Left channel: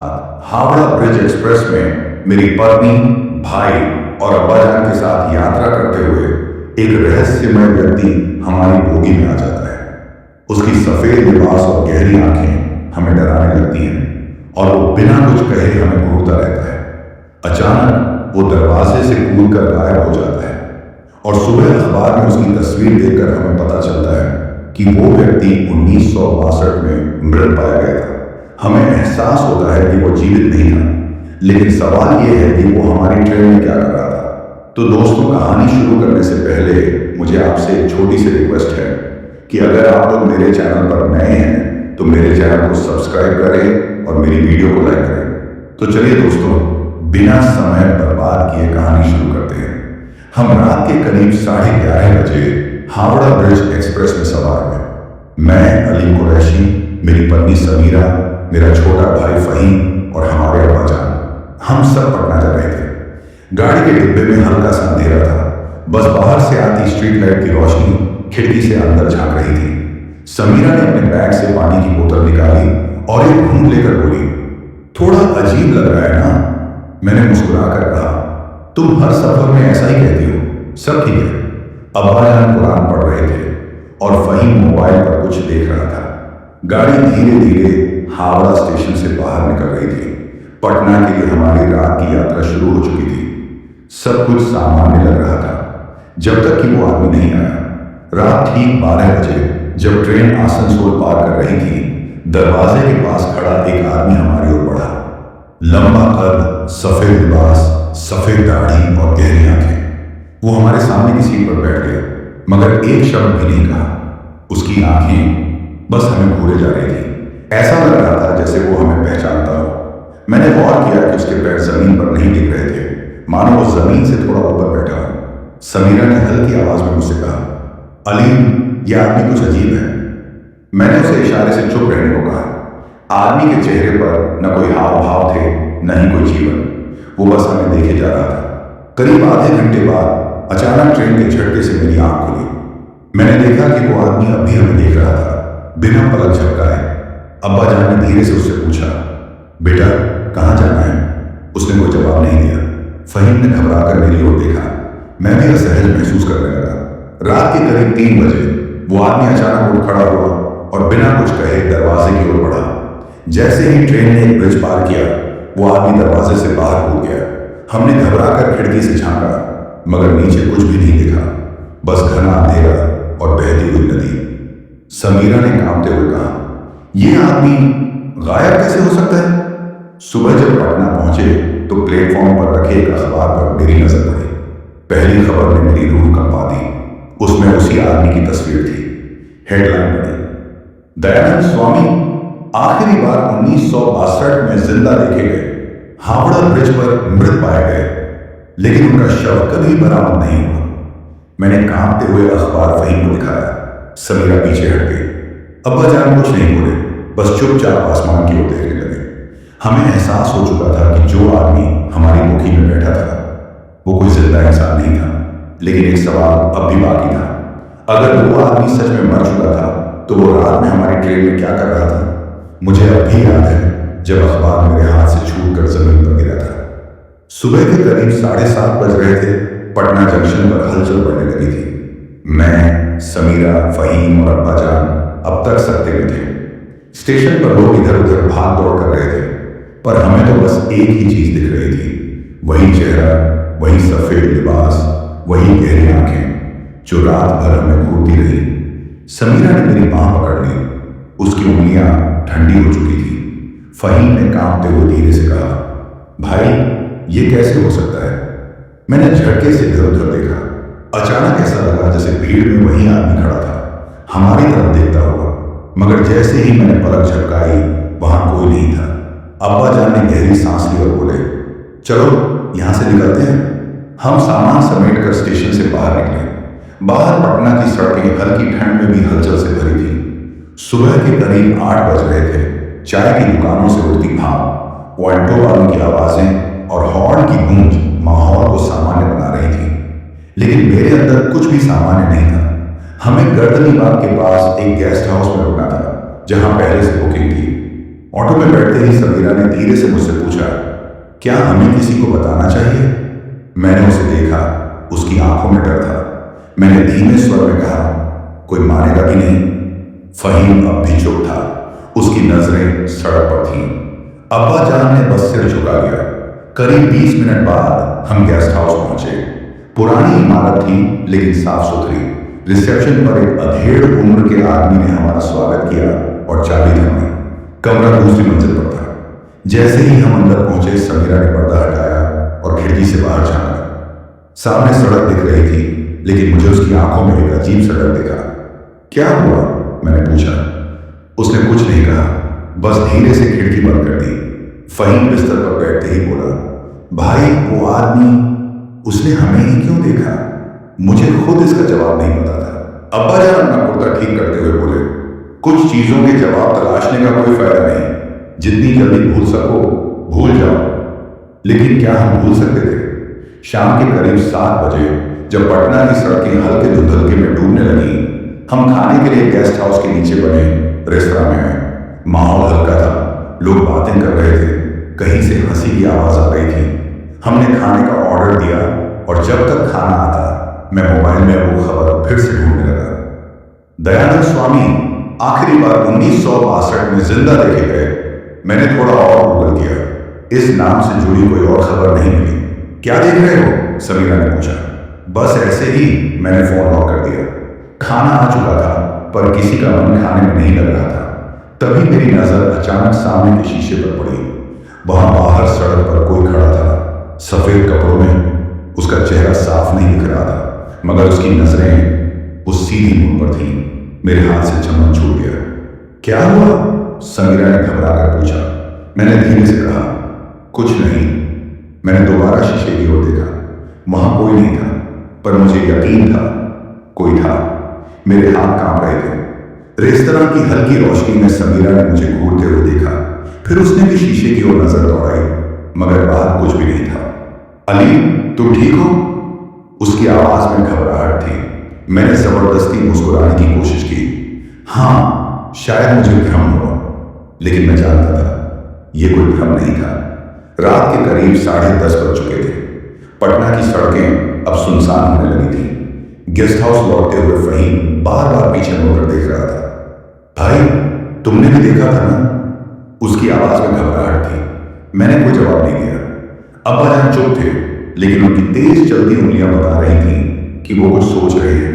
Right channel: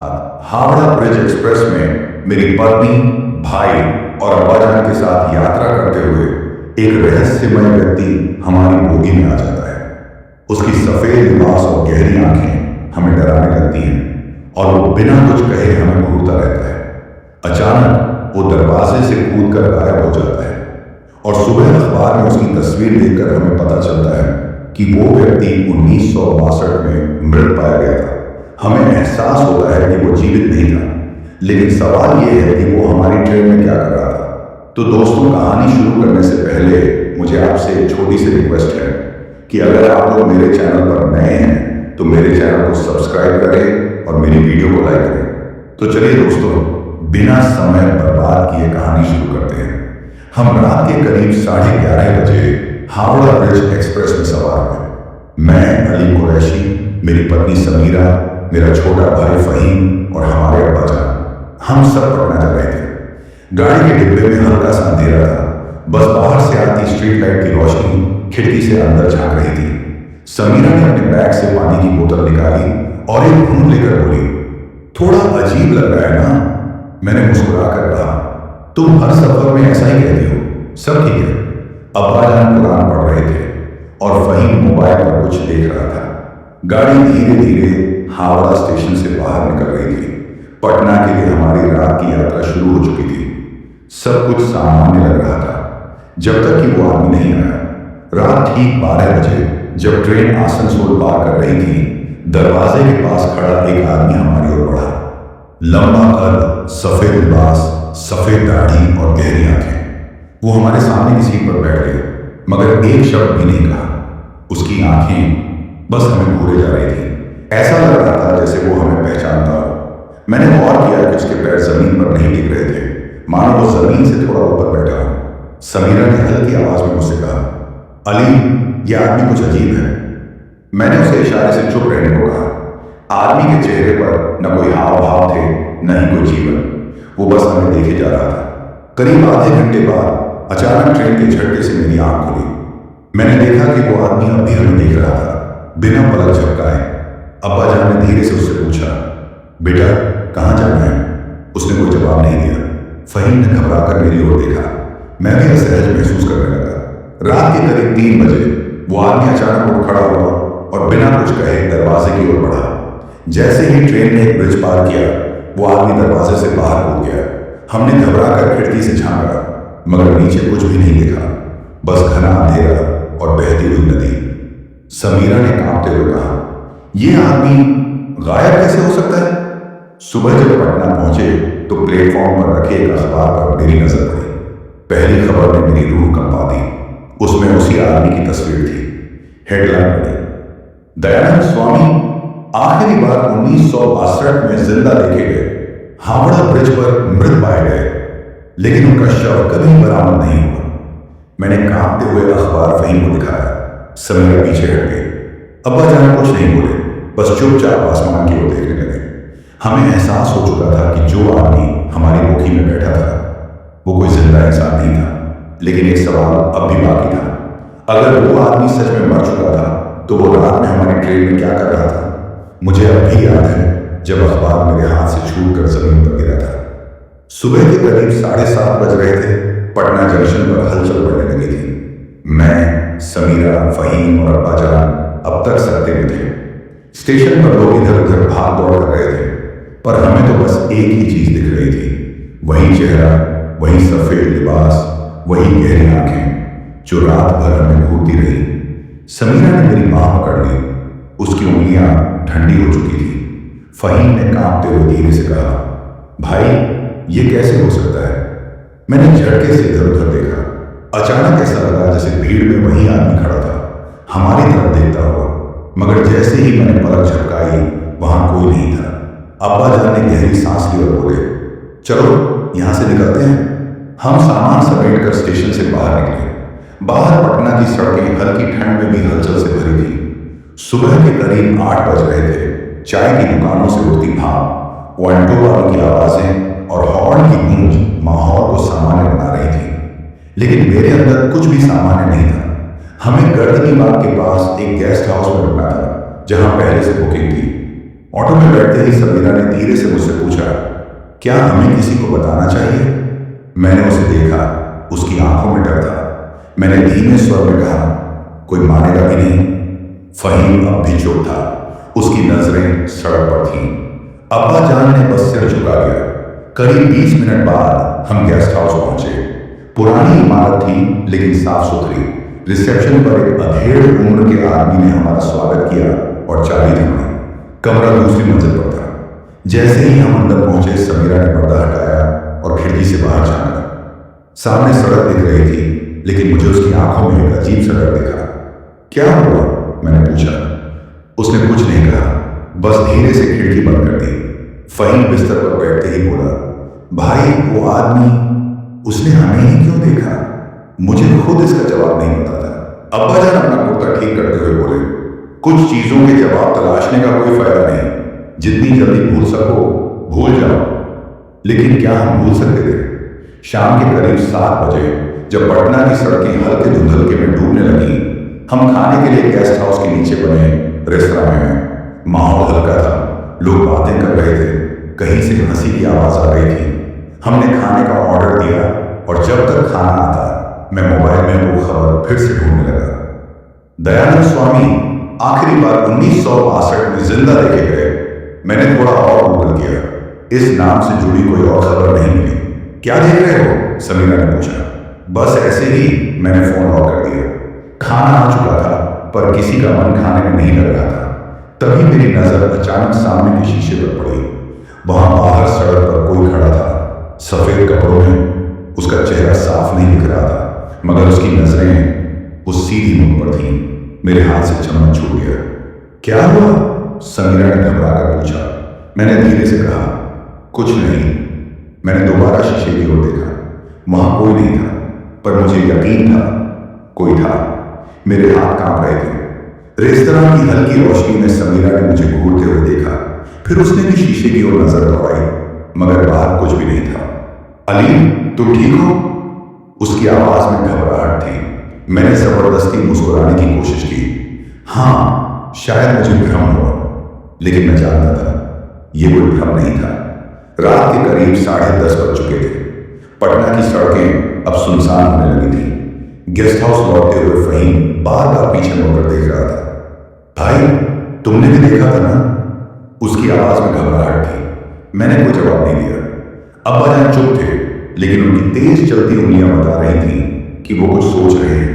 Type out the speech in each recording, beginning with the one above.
Howrah bridge express में मेरी पत्नी, भाई और अब्बाजान के साथ यात्रा करते हुए एक रहस्यमय व्यक्ति हमारी बोगी में आ जाता है। उसकी सफेद लिबास और गहरी आंखें हमें डराने लगती हैं और वो बिना कुछ कहे हमें घूरता रहता है। अचानक वो दरवाजे से कूदकर गायब हो जाता है और सुबह अखबार में उसकी तस्वीर देखकर हमें पता चलता है कि वो व्यक्ति 1962 में मृत पाया गया था। हमें एहसास होता है कि वो जीवित नहीं था, लेकिन सवाल ये है कि वो हमारी ट्रेन में क्या कर रहा था। तो दोस्तों, कहानी शुरू करने से पहले मुझे आपसे एक छोटी सी रिक्वेस्ट है कि अगर आप लोग मेरे चैनल पर नए हैं तो मेरे चैनल को सब्सक्राइब करें और मेरी वीडियो को लाइक करें। तो चलिए दोस्तों, बिना समय बर्बाद किए कहानी शुरू करते हैं। हम रात के करीब 11:30 बजे हावड़ा ब्रिज एक्सप्रेस में सवार हुए। मैं अली कुरैशी, मेरी पत्नी समीरा, मेरा छोटा भाई फहीम और हमारे अब्बाजान, हम सब पटना जा रहे थे। गाड़ी के डिब्बे में हल्का सा अंधेरा था। बस बाहर से आती स्ट्रीट लाइट की रोशनी खिड़की से अंदर झांक रही थी। समीरा ने अपने बैग से पानी की बोतल निकाली और एक घूंट लेकर बोली, थोड़ा अजीब लग रहा है ना? मैंने मुस्कुरा कर कहा, तुम हर सफर में ऐसा ही कहती हो, सब ठीक है। अब्बाजान कुरान पढ़ रहे थे और फहीम मोबाइल पर कुछ देख रहा था। गाड़ी धीरे धीरे हावड़ा स्टेशन से बाहर निकल रही थी। पटना के लिए हमारी रात की यात्रा शुरू हो चुकी थी। सब कुछ सामान्य लग रहा था जब तक कि वो आदमी नहीं आया। रात ठीक 12 बजे जब ट्रेन आसनसोल पार कर रही थी, दरवाजे के पास खड़ा एक आदमी हमारी ओर बढ़ा। लंबा कद, सफेद लिबास, सफेद दाढ़ी और गहरी आंखें। वो हमारे सामने की सीट पर बैठ गया, मगर एक शब्द भी नहीं कहा। उसकी आंखें बस हमें घूरे जा रही थी। ऐसा लग रहा था जैसे वो हमें पहचानता हो। मैंने गौर किया कि उसके पैर जमीन पर नहीं टिक रहे थे, मानो वो जमीन से थोड़ा ऊपर बैठा हो। समीरा ने हल्की आवाज में मुझसे कहा, अली, यह आदमी कुछ अजीब है। मैंने उसे इशारे से चुप रहने को कहा। आदमी के चेहरे पर न कोई हाव भाव थे, न ही कोई जीवन। वो बस हमें देखे जा रहा था। करीब आधे घंटे बाद अचानक ट्रेन के झटके से मेरी आंख खुली। मैंने देखा कि वो आदमी अब भी हमें देख रहा था, बिना पलक झपकाए। अब्बाजान ने धीरे से उससे पूछा, बेटा कहाँ जाना है? उसने कोई जवाब नहीं दिया। फहीम ने घबराकर मेरी ओर देखा। मैं भी असहज महसूस करने लगा। रात के करीब 3 बजे वो आदमी अचानक उठ खड़ा हुआ और बिना कुछ कहे दरवाजे की ओर बढ़ा। जैसे ही ट्रेन ने एक ब्रिज पार किया, वो आदमी दरवाजे से बाहर कूद गया। हमने घबराकर खिड़की से झांका, मगर नीचे कुछ भी नहीं दिखा, बस घना अंधेरा और बहती हुई नदी। समीरा ने कांपते हुए कहा, यह आदमी गायब कैसे हो सकता है? सुबह जब पटना पहुंचे तो प्लेटफॉर्म पर रखे एक अखबार पर मेरी नजर पड़ी। पहली खबर ने मेरी रूह कंपा दी। उसमें उसी आदमी की तस्वीर थी। हेडलाइन पढ़ी, दयानंद स्वामी आखिरी बार 1962 में जिंदा देखे गए, हावड़ा ब्रिज पर मृत पाए गए, लेकिन उनका शव कभी बरामद नहीं हुआ। मैंने कांपते हुए अखबार फहीम को दिखाया। समीरा पीछे हट गई। अब्बाजान कुछ नहीं बोले, बस चुपचाप आसमान की ओर देखने लगे। हमें एहसास हो चुका था कि जो आदमी हमारी बोगी में बैठा था वो कोई जिंदा इंसान नहीं था, लेकिन एक सवाल अब भी बाकी था। अगर वो आदमी सच में मर चुका था तो वो रात में हमारी ट्रेन में क्या कर रहा था? मुझे अब भी याद है जब अखबार मेरे हाथ से छूटकर जमीन पर गिरा था। सुबह के करीब 7:30 बज रहे थे। पटना जंक्शन पर हलचल बढ़ने लगी थी। मैं, समीरा, फहीम और अब्बाजान अब तक सकते में थे। स्टेशन पर लोग इधर उधर भाग दौड़ कर रहे थे, पर हमें तो बस एक ही चीज दिख रही थी, वही चेहरा, वही सफेद लिबास, वही गहरी आंखें जो रात भर हमें घूरती रही। समीरा ने मेरी बांह पकड़ ली। उसकी उंगलियां ठंडी हो चुकी थी। फहीम ने कांपते हुए धीरे से कहा, भाई ये कैसे हो सकता है? मैंने झटके से इधर उधर देखा। अचानक ऐसा लगा जैसे भीड़ में वही आदमी खड़ा था, हमारी तरफ देखता हुआ, मगर जैसे ही मैंने पलक झपकाई वहां कोई नहीं था। अब्बाजान ने गहरी सांस ली और बोले, चलो यहां से निकलते हैं। हम सामान समेटकर स्टेशन से बाहर निकले। बाहर पटना की सड़कें हल्की ठंड में भी हलचल से भरी थी। सुबह के करीब 8 बज रहे थे। चाय की दुकानों से उड़ती भाप, ऑटो वालों की आवाजें और हॉर्न की गूंज माहौल को सामान्य बना रही थी, लेकिन मेरे अंदर कुछ भी सामान्य नहीं था। हमें गर्दनी बाग के पास एक गेस्ट हाउस में रुकना था, जहां पहले से बुकिंग थी। ऑटो में बैठते ही समीरा ने धीरे से मुझसे पूछा, क्या हमें किसी को बताना चाहिए? मैंने उसे देखा, उसकी आंखों में डर था। मैंने धीमे स्वर में कहा, कोई मानेगा भी नहीं। फहीम अब भी चुप था, उसकी नजरें सड़क पर थीं। अब्बा जान ने बस सिर झुका लिया। करीब 20 मिनट बाद हम गेस्ट हाउस पहुंचे। पुरानी इमारत थी लेकिन साफ सुथरी। रिसेप्शन पर एक अधेड़ उम्र के आदमी ने हमारा स्वागत किया और चाबी थमाई। कमरा दूसरी मंजिल पर था। जैसे ही हम अंदर पहुंचे, समीरा ने पर्दा हटाया और खिड़की से बाहर झांका। सामने सड़क दिख रही थी, लेकिन मुझे उसकी आंखों में एक अजीब सा डर दिखा। क्या हुआ? मैंने पूछा। उसने कुछ नहीं कहा, बस धीरे से खिड़की बंद कर दी। फहीम बिस्तर पर बैठते ही बोला, भाई वो आदमी, उसने हमें ही क्यों देखा? मुझे खुद इसका जवाब नहीं पता था। अब्बा जान अपना कुर्ता ठीक करते हुए बोले, कुछ चीजों के जवाब तलाशने का कोई फायदा नहीं। जितनी जल्दी भूल सको भूल जाओ। लेकिन क्या हम भूल सकते थे? शाम के करीब 7 बजे जब पटना की सड़कें हल्के धुंधलके में डूबने लगी, हम खाने के लिए गेस्ट हाउस के नीचे बने रेस्तरां में आए। माहौल हल्का था, लोग बातें कर रहे थे, कहीं से हंसी की आवाज आ रही थी। हमने खाने का ऑर्डर दिया और जब तक खाना आता मैं मोबाइल में वो खबर फिर से ढूंढने लगा। दयानंद स्वामी आखिरी बार 1962 में जिंदा देखे गए। मैंने थोड़ा और गूगल किया, इस नाम से जुड़ी कोई और खबर नहीं मिली। क्या देख रहे हो? समीरा ने पूछा। बस ऐसे ही, मैंने फोन लॉक कर दिया। खाना आ चुका था पर किसी का मन खाने में नहीं लग रहा था। तभी मेरी नजर अचानक सामने के शीशे पर पड़ी। वहां बाहर सड़क पर कोई खड़ा था, सफेद कपड़ों में। उसका चेहरा साफ नहीं दिख रहा था, मगर उसकी नजरें उस सीधी मुंह पर थीं। मेरे हाथ से चम्मच छूट गया। क्या हुआ? समीरा ने घबरा कर पूछा। मैंने धीरे से कहा, कुछ नहीं। मैंने दोबारा शीशे की ओर देखा। वहां कोई नहीं था, पर मुझे यकीन था कोई था। मेरे हाथ कांप रहे थे। रेस्तरां की हल्की रोशनी में समीरा ने मुझे घूरते हुए देखा। फिर उसने भी शीशे की ओर नजर दौड़ाई, मगर बाहर कुछ भी नहीं था। अली, तुम ठीक हो? उसकी आवाज में घबराहट थी। मैंने जबरदस्ती मुस्कुराने की कोशिश की। हाँ, शायद मुझे भ्रम हुआ, लेकिन मैं जानता था यह कोई भ्रम नहीं था। रात के करीब 10:30 बज चुके थे। पटना की सड़कें अब सुनसान होने लगी थीं। गेस्ट हाउस लौटते हुए फहीम बार बार पीछे मुड़कर देख रहा था। भाई, तुमने भी देखा था ना? उसकी आवाज में घबराहट थी। मैंने कोई जवाब नहीं दिया। अब्बा जान चुप थे, लेकिन उनकी तेज चलती उंगलियां बता रही थीं कि वो कुछ सोच रहे हैं।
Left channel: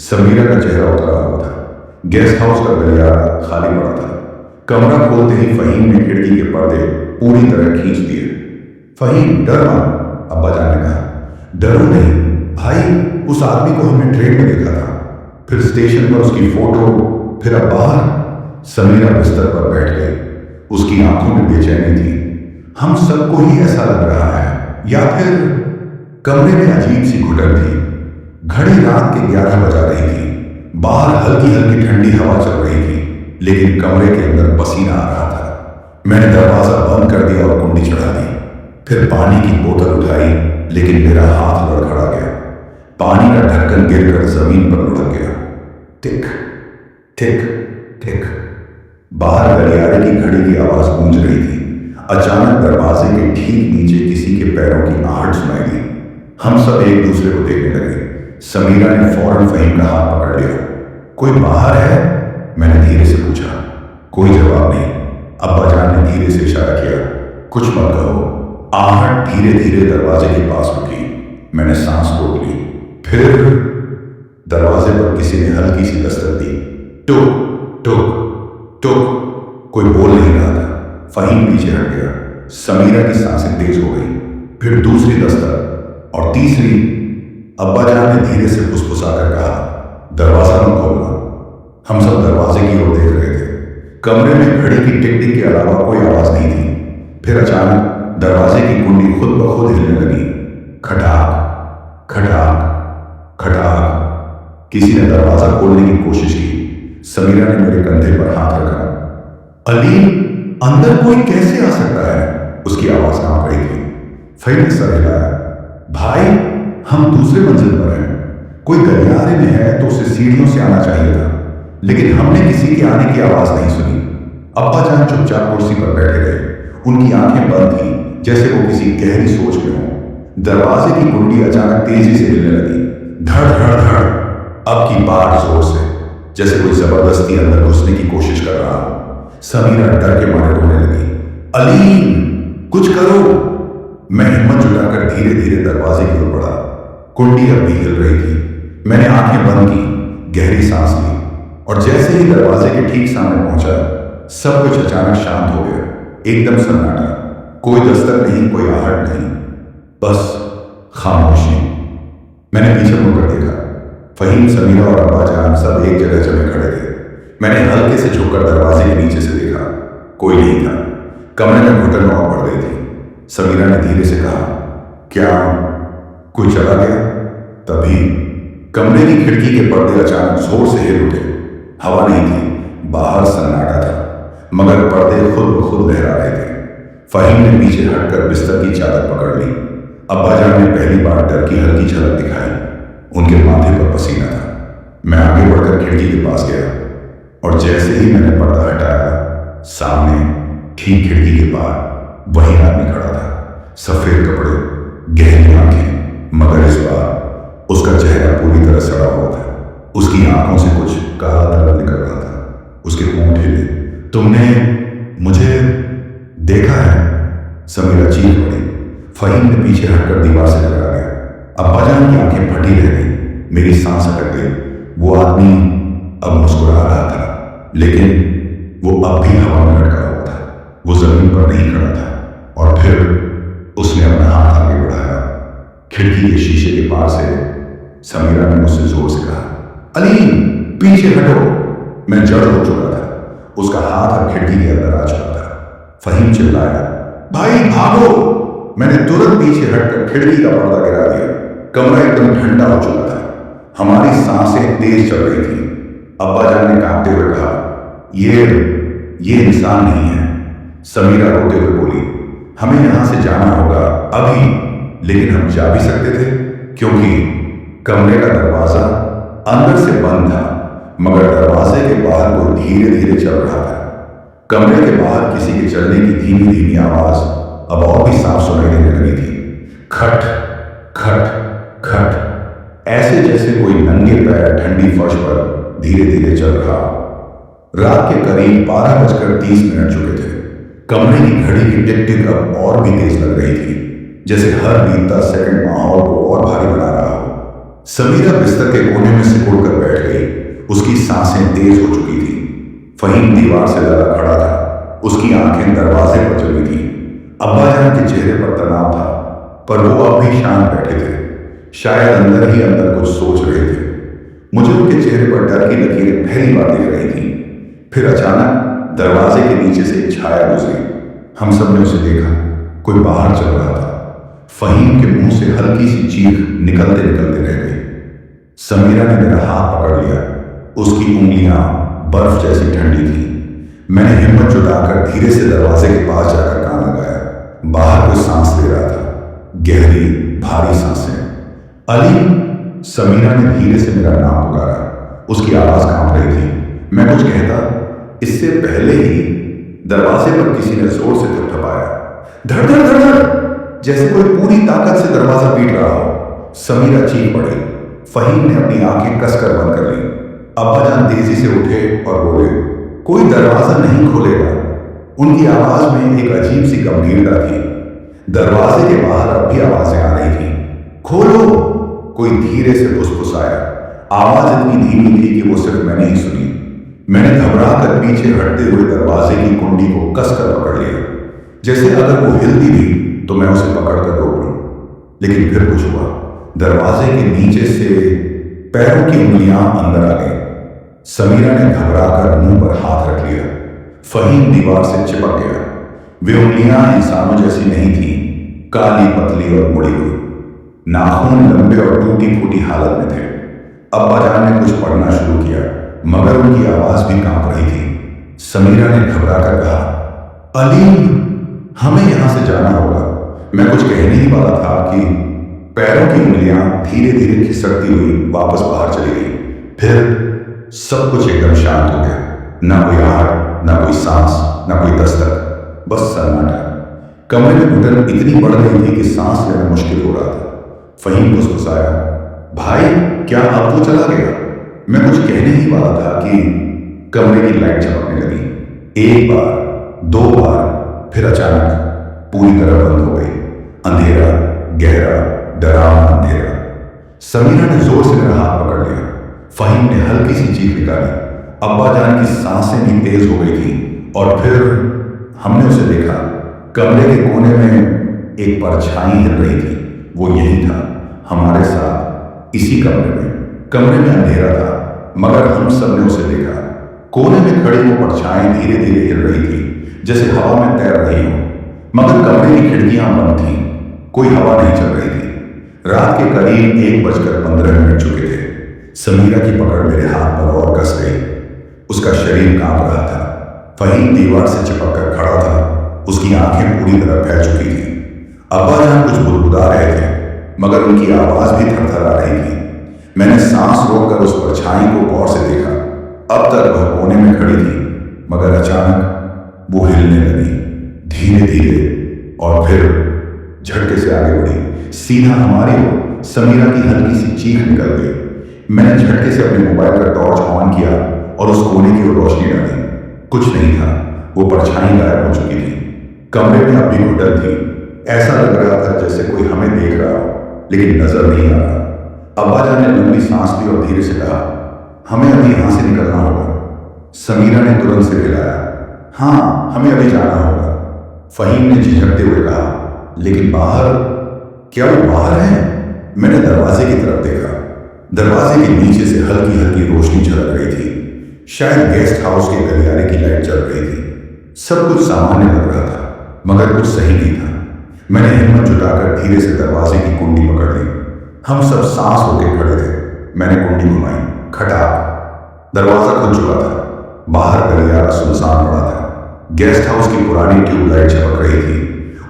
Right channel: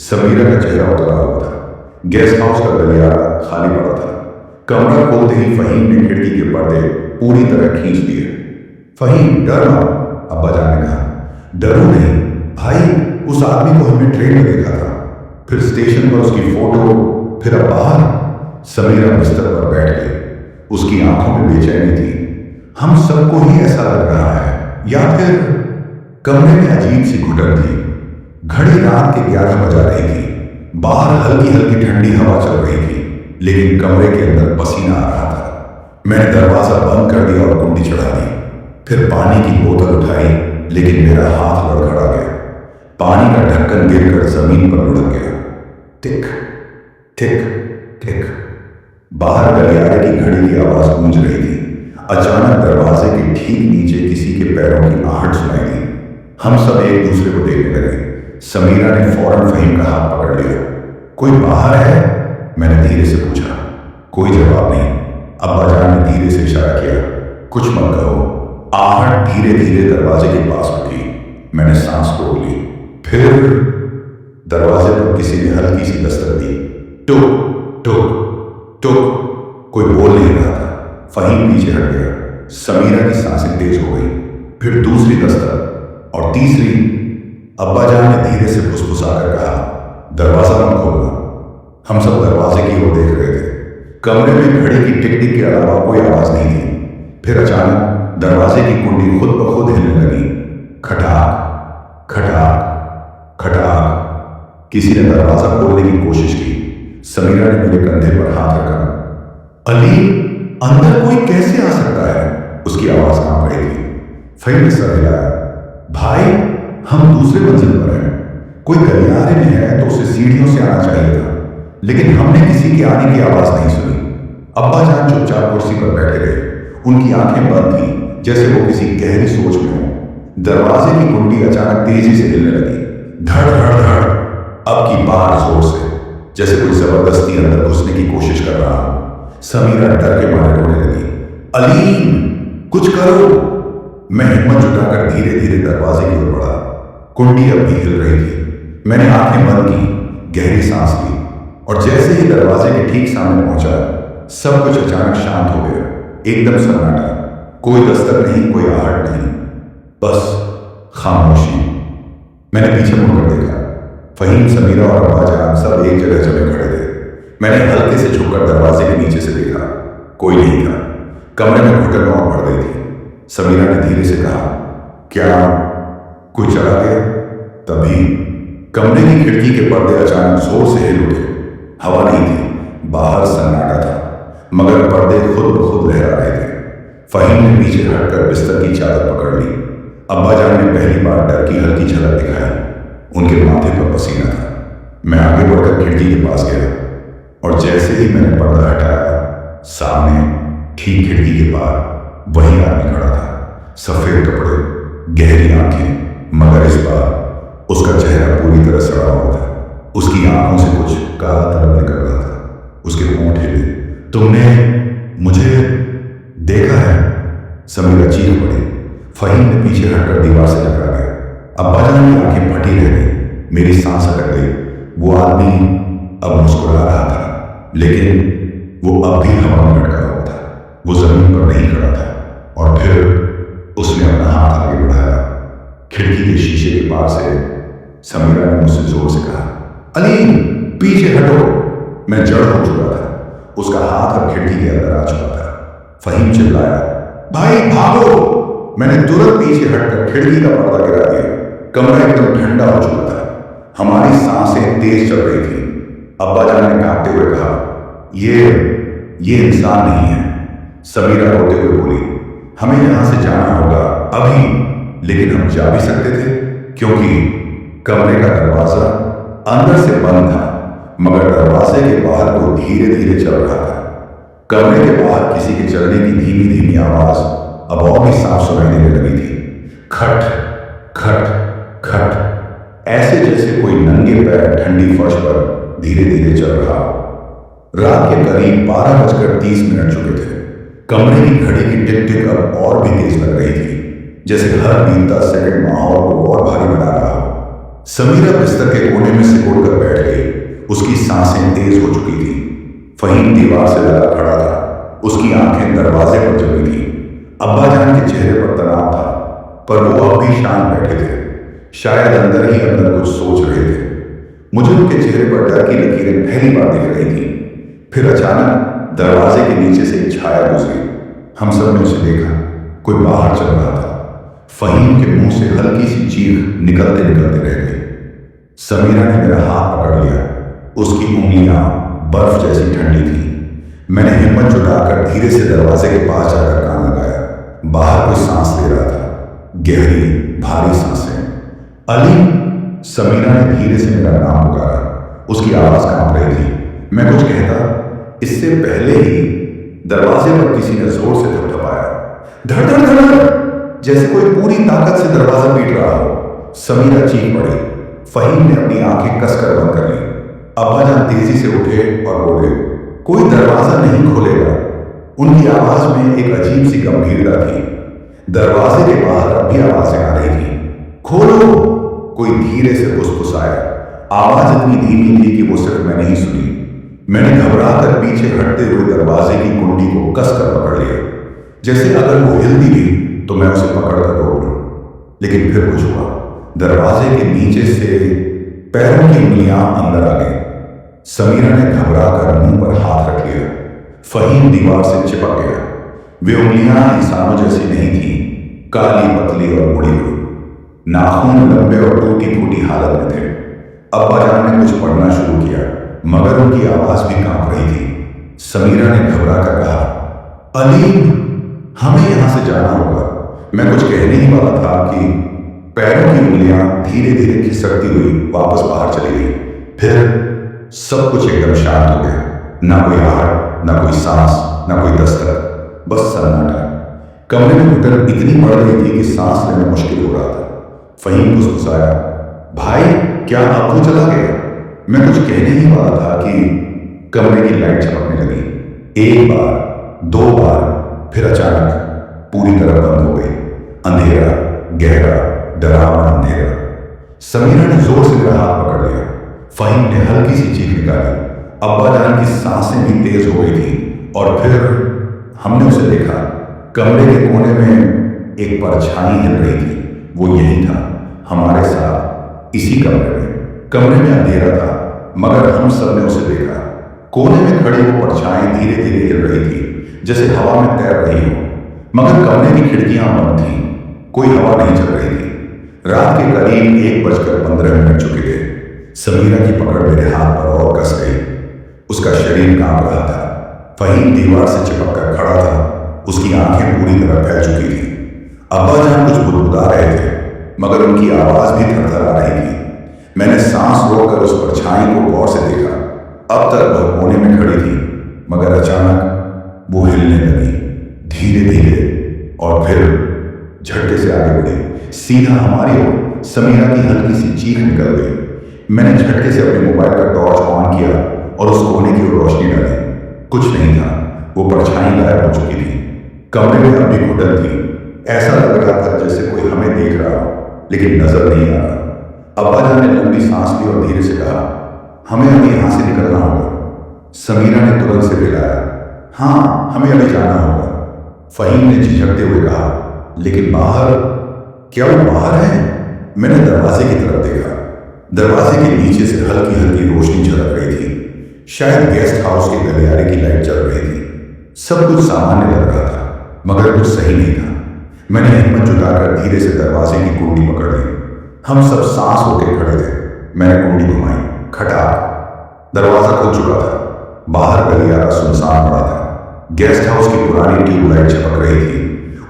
समीरा का चेहरा उतरा हुआ था। गेस्ट हाउस का गलियारा खाली पड़ा था। कमरा खोलते ही फहीम ने खिड़की के पर्दे पूरी तरह खींच दिए। फहीम, डर मत, अब्बा जान ने कहा। डरो नहीं भाई, उस आदमी को हमने ट्रेन में देखा था, फिर स्टेशन पर उसकी फोटो, फिर अब बाहर। समीरा बिस्तर पर बैठ गई। उसकी आंखों में बेचैनी थी। हम सबको ही ऐसा लग रहा है, या फिर? कमरे में अजीब सी घुटन थी। घड़ी रात के 11 बजा रही थी। बाहर हल्की हल्की ठंडी हवा चल रही थी, लेकिन कमरे के अंदर पसीना आ रहा था। मैंने दरवाजा बंद कर दिया और कुंडी चढ़ा दी। फिर पानी की बोतल उठाई, लेकिन मेरा हाथ लड़खड़ा गया। पानी का ढक्कन गिरकर जमीन पर लुढ़क गया। टिक टिक टिक। बाहर गलियारे की घड़ी की आवाज गूंज रही थी। अचानक दरवाजे के ठीक नीचे किसी के पैरों की आहट सुनाई दी। हम सब एक दूसरे को देखने लगे। समीरा ने फौरन फहीम का हाथ पकड़ लिया। कोई बाहर है? मैंने धीरे से पूछा। कोई जवाब नहीं। अब्बा जान ने धीरे से इशारा किया, कुछ मत कहो। आहट धीरे धीरे दरवाजे के पास रुकी। मैंने सांस रोक ली। फिर दरवाजे पर किसी ने हल्की सी दस्तक दी। टुक टुक टुक। कोई बोल नहीं रहा था। फहीम पीछे हट गया। समीरा की सांसें तेज हो गई। फिर दूसरी दस्तक और तीसरी। अब्बा जान ने धीरे से फुसफुसाकर कहा, दरवाजा मत खोलना। हम सब दरवाजे की ओर देख रहे थे। कमरे में घड़ी की टिक टिक के अलावा कोई आवाज नहीं थी। फिर अचानक दरवाजे की कुंडी खुद ब खुद हिलने लगी। खटाक खटाक खटाक। किसी ने दरवाजा खोलने की कोशिश की। समीरा ने मेरे कंधे पर हाथ रखा। अली, अंदर कोई कैसे आ सकता है? उसकी आवाज कांप रही थी। फहीम ने सर हिलाया। भाई, हम दूसरे मंजिल पर हैं। कोई गलियारे में है तो उसे सीढ़ियों से आना चाहिए था, लेकिन हमने किसी के आने की आवाज नहीं सुनी। अब्बा जान चुपचाप कुर्सी पर बैठे रहे। उनकी आंखें बंद थी, जैसे वो किसी गहरी सोच में हों। दरवाजे की कुंडी अचानक तेजी से हिलने लगी। धड़ धड़ धड़, अब की बार जोर से, जैसे कोई जबरदस्ती अंदर घुसने की कोशिश कर रहा हो। समीरा डर के मारे रोने लगी। अलीम, कुछ करो। मैं हिम्मत जुटाकर धीरे धीरे दरवाजे की ओर बढ़ा। कुंडी अब भी हिल रही थी। मैंने आंखें बंद की, गहरी सांस ली, और जैसे ही दरवाजे के ठीक सामने पहुंचा, सब कुछ अचानक शांत हो गया। एकदम सन्नाटा, कोई दस्तक नहीं, कोई आहट नहीं, बस खामोशी। मैंने पीछे मुड़कर देखा। फहीम, समीरा और अब्बा जान सब एक जगह जमे खड़े थे। मैंने हल्के से झुककर दरवाजे के नीचे से देखा। कोई नहीं था। कमरे में घुटन और बढ़ गई थी। समीरा ने धीरे से कहा, क्या कोई चला गया? तभी कमरे की खिड़की के पर्दे अचानक जोर से हिल उठे। हवा नहीं थी, बाहर सन्नाटा था, मगर पर्दे खुद ब खुद लहरा रहे थे। फहीम ने पीछे हटकर बिस्तर की चादर पकड़ ली। अब्बा जान ने पहली बार डर की हल्की झलक दिखाई। उनके माथे पर पसीना था। मैं आगे बढ़कर खिड़की के पास गया, और जैसे ही मैंने पर्दा हटाया, सामने ठीक खिड़की के पार वही आदमी खड़ा था। सफेद कपड़े, गहरी आंखें, मगर इस बार उसका चेहरा पूरी तरह सड़ा हुआ था। उसकी आंखों से कुछ काला तरल निकल रहा था। उसके होंठ हिले। तुमने मुझे देखा है? समीरा चीख पड़ी। फहीम ने पीछे हटकर दीवार से टकरा गया। अब्बा जान की आंखें फटी रह गई। मेरी सांस अटक गई। वो आदमी अब मुस्कुरा रहा था, लेकिन वो अब भी हवा में लटका हुआ था। वो जमीन पर नहीं खड़ा था। और फिर उसने अपना हाथ आगे बढ़ाया। खिड़की के शीशे के पार से समीरा ने मुझसे जोर से कहा, अलीम, पीछे हटो। मैं जड़ हो चुका था। उसका हाथ अब खिड़की के अंदर आ चुका था। फहीम चिल्लाया, भाई भागो। मैंने तुरंत पीछे हटकर खिड़की का पर्दा गिरा दिया। कमरा एकदम ठंडा हो चुका था। हमारी सांसें तेज चल रही थी। अब्बा जान ने कांपते हुए कहा, ये इंसान नहीं है। समीरा रोते हुए बोली, हमें यहां से जाना होगा अभी। लेकिन हम जा भी सकते थे, क्योंकि कमरे का दरवाजा अंदर से बंद था, मगर दरवाजे के बाहर कोई धीरे धीरे चल रहा था। कमरे के बाहर किसी के चलने की धीमी धीमी आवाज अब और भी साफ सुनाई देने लगी थी। खट खट खट, ऐसे जैसे कोई नंगे पैर ठंडी फर्श पर धीरे धीरे चल रहा हो। रात के करीब 12:30 चुके थे। कमरे की घड़ी की टिक टिक अब और भी तेज लग रही थी, जैसे हर बीतता सेकंड माहौल को और भारी बना रहा हो। समीरा बिस्तर के कोने में सिकुड़ कर बैठ गई। उसकी सांसें तेज हो चुकी थी। फहीम दीवार से लगा खड़ा था। उसकी आंखें दरवाजे पर जमी थी। अब्बा जान के चेहरे पर तनाव था, पर वो अब भी शांत बैठे थे, शायद अंदर ही अंदर कुछ सोच रहे थे। मुझे उनके चेहरे पर डर की लकीरें पहली बार दिख रही थी। फिर अचानक दरवाजे के नीचे से एक छाया गुजरी। हम सब ने उसे देखा। कोई बाहर चल रहा था। फहीम के मुंह से हल्की सी चीख निकलते निकलते रह गई। समीरा ने मेरा हाथ पकड़ लिया। उसकी उंगलियां बर्फ जैसी ठंडी थी। मैंने हिम्मत जुटाकर धीरे से दरवाजे के पास जाकर कान लगाया। बाहर कोई सांस ले रहा था, गहरी भारी सांसें। अली, समीरा ने धीरे से मेरा नाम पुकारा। उसकी आवाज कांप रही थी। मैं कुछ कहता, इससे पहले ही दरवाजे पर किसी ने जोर से थपथपाया। धड़ धड़ धड़ धड़, जैसे कोई पूरी ताकत से दरवाजा पीट रहा हो। समीरा चीख पड़ी। फहीम ने अपनी आंखें कसकर बंद कर ली। अब्बा जान तेजी से उठे और बोले, कोई दरवाजा नहीं खोलेगा। उनकी आवाज में एक अजीब सी गंभीरता थी। दरवाजे के बाहर अब भी आवाजें आ रही थी। खोलो, कोई धीरे से फुसफुसाया। आवाज इतनी धीमी थी कि वो सिर्फ मैंने ही सुनी। मैंने घबराकर पीछे हटते हुए दरवाजे की कुंडी को कसकर पकड़ लिया, जैसे अगर वो हिलती भी तो मैं उसे पकड़कर रोक लूं। लेकिन फिर कुछ हुआ। दरवाजे के नीचे से पैरों की उंगलियां अंदर आ गईं। समीरा ने घबराकर मुंह पर हाथ रख लिया। फहीम दीवार से चिपक गया। वे उंगलियां इंसानों जैसी नहीं थी, काली पतली और मुड़ी हुई। नाखून लंबे और टूटी फूटी हालत में थे। अब्बा जान ने कुछ पढ़ना शुरू किया, मगर उनकी आवाज भी कांप रही थी। समीरा ने घबराकर कहा, अलीम, हमें यहां से जाना होगा। मैं कुछ कहने ही वाला था कि पैरों की उंगलियां धीरे धीरे खिसकती हुई वापस बाहर चली गई। फिर सब कुछ एकदम शांत हो गया। ना कोई आहट, ना कोई सांस, ना कोई दस्तक, बस सन्नाटा। कमरे में घुटन इतनी बढ़ गई थी कि सांस लेना मुश्किल हो रहा था। फहीम फुसफुसाया, भाई क्या अब वो चला गया? मैं कुछ कहने ही वाला था कि कमरे की लाइट चमकने लगी। एक बार, दो बार, फिर अचानक पूरी तरह बंद हो गई। अंधेरा, गहरा, डरावना अंधेरा। समीरा ने जोर से मेरा हाथ पकड़ लिया। फहीम ने हल्की सी चीख निकाली। अब्बा जान की सांसें भी तेज हो गई थी और फिर हमने उसे देखा। कमरे के कोने में एक परछाई हिल रही थी। वो यही था, हमारे साथ, इसी कमरे में। कमरे में अंधेरा था मगर हम सब ने उसे देखा। कोने में खड़ी वो परछाई धीरे धीरे हिल रही थी, जैसे हवा में तैर रही हो, मगर कमरे की खिड़कियां बंद थीं। कोई हवा नहीं चल रही थी। रात के करीब 1:15 चुके थे। समीरा की पकड़ मेरे हाथ पर और कस गई। उसका शरीर कांप रहा था। फहीम दीवार से चिपक कर खड़ा था। उसकी आंखें पूरी तरह फैल चुकी थी। अब्बा जान कुछ बुदबुदा रहे थे मगर उनकी आवाज भी थरथरा रही थी। मैंने सांस रोककर उस परछाई को गौर से देखा। अब तक वह कोने में खड़ी थी मगर अचानक वो हिलने लगी, धीरे धीरे, और फिर झटके से आगे बढ़ी, सीधा हमारी ओर। समीरा की हल्की सी चीख निकल गई। मैंने झटके से अपने मोबाइल का टॉर्च ऑन किया और उस कोने की ओर रोशनी डाली। कुछ नहीं था, वो परछाई गायब हो चुकी थी। कमरे में अब भी घुटन थी। ऐसा लग रहा था जैसे कोई हमें देख रहा हो लेकिन नजर नहीं आ रहा। अब्बा जान ने लंबी सांस ली और धीरे से कहा, हमें अभी यहां से निकलना होगा। समीरा ने तुरंत सिर हिलाया, हाँ हमें अभी जाना होगा। फहीम ने झिझकते हुए कहा, लेकिन बाहर? क्या वो बाहर है? मैंने दरवाजे की तरफ देखा। दरवाजे के नीचे से हल्की हल्की रोशनी झलक रही थी। शायद गेस्ट हाउस के गलियारे की लाइट जल रही थी। सब कुछ सामान्य लग रहा था मगर कुछ सही नहीं था। मैंने हिम्मत जुटाकर धीरे से दरवाजे की कुंडी पकड़ ली। हम सब सांस होके खड़े थे। मैंने कुंडी घुमाई, खटाक, दरवाजा खुल चुका था। बाहर गलियारा सुनसान पड़ा था। गेस्ट हाउस की पुरानी ट्यूबलाइट झपक रही थी।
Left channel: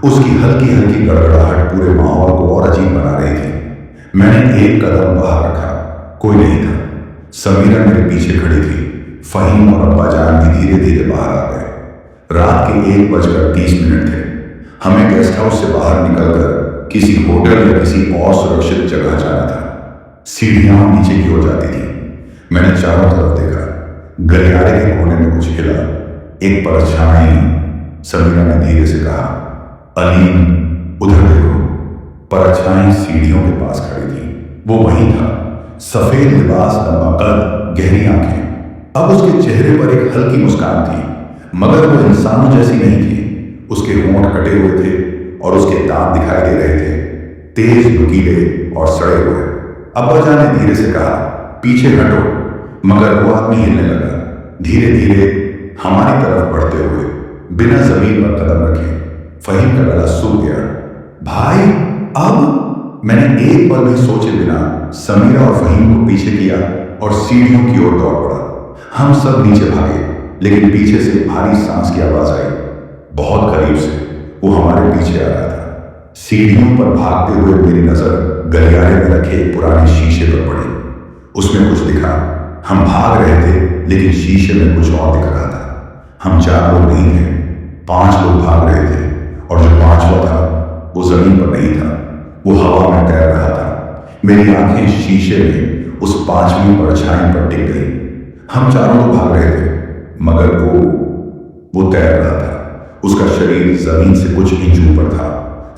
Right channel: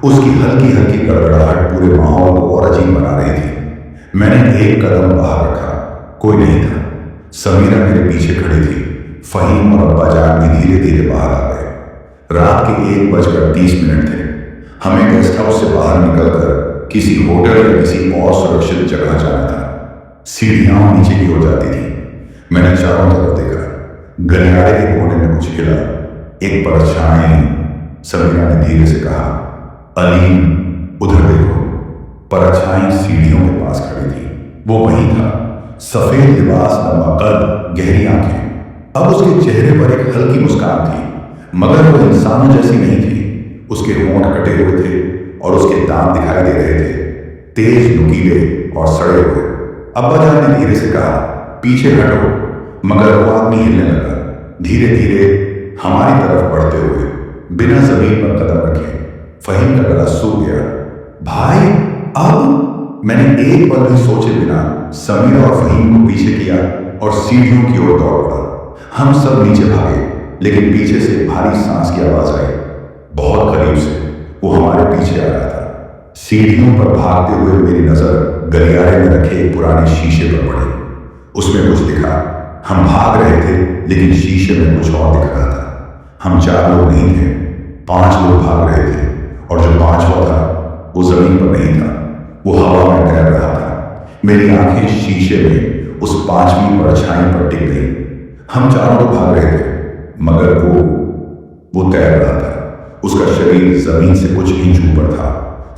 उसकी हल्की हल्की गड़गड़ाहट पूरे माहौल को और अजीब बना रही थी। मैंने एक कदम बाहर रखा, कोई नहीं था। समीरा मेरे पीछे खड़ी थी। फहीम और अब्बा जान भी धीरे धीरे बाहर आ गए। रात के 1:30 थे। हमें गेस्ट हाउस से बाहर निकलकर किसी होटल या किसी और सुरक्षित जगह जाना था। सीढ़ियां नीचे की ओर जाती थी। मैंने चारों तरफ देखा। गलियारे के कोने में कुछ हिला, एक परछाई। समीरा ने धीरे से कहा, अलीम उधर देखो। परछाई सीढ़ियों के पास खड़ी थी। वो वही था, सफेद लिबास, लंबा कद, गहरी आंखें। अब उसके चेहरे पर एक हल्की मुस्कान थी मगर वो इंसानों जैसी नहीं थी। उसके होंठ कटे हुए थे और उसके दांत दिखाई दे रहे थे, तेज, नुकीले और सड़े हुए। अब्बा जान ने धीरे से कहा, पीछे हटो, मगर वो आदमी हिलने लगा, धीरे धीरे हमारी तरफ बढ़ते हुए, बिना जमीन पर कदम रखे। फहीम का गला सूख गया। भाई अब? मैंने एक पल भी सोचे बिना समीरा और फहीम को पीछे किया और सीढ़ियों की ओर दौड़ पड़ा। हम सब नीचे भागे लेकिन पीछे से एक भारी सांस की आवाज आई। बहुत करीब से वो हमारे पीछे आ रहा था। सीढ़ियों पर भागते हुए मेरी नजर गलियारे में रखे एक पुराने शीशे पर पड़ी। उसमें कुछ दिखा। हम भाग रहे थे लेकिन शीशे में कुछ और दिख रहा था। हम 4 लोग नहीं थे, 5 लोग भाग रहे थे और जो 5वां था वो जमीन पर नहीं था, वो हवा में तैर रहा था। मेरी आंखें शीशे में उस 5वीं परछाई पर टिक गई। हम चारों तो भाग रहे थे मगर वो तैर रहा था। उसका शरीर जमीन से कुछ इंच ऊपर था।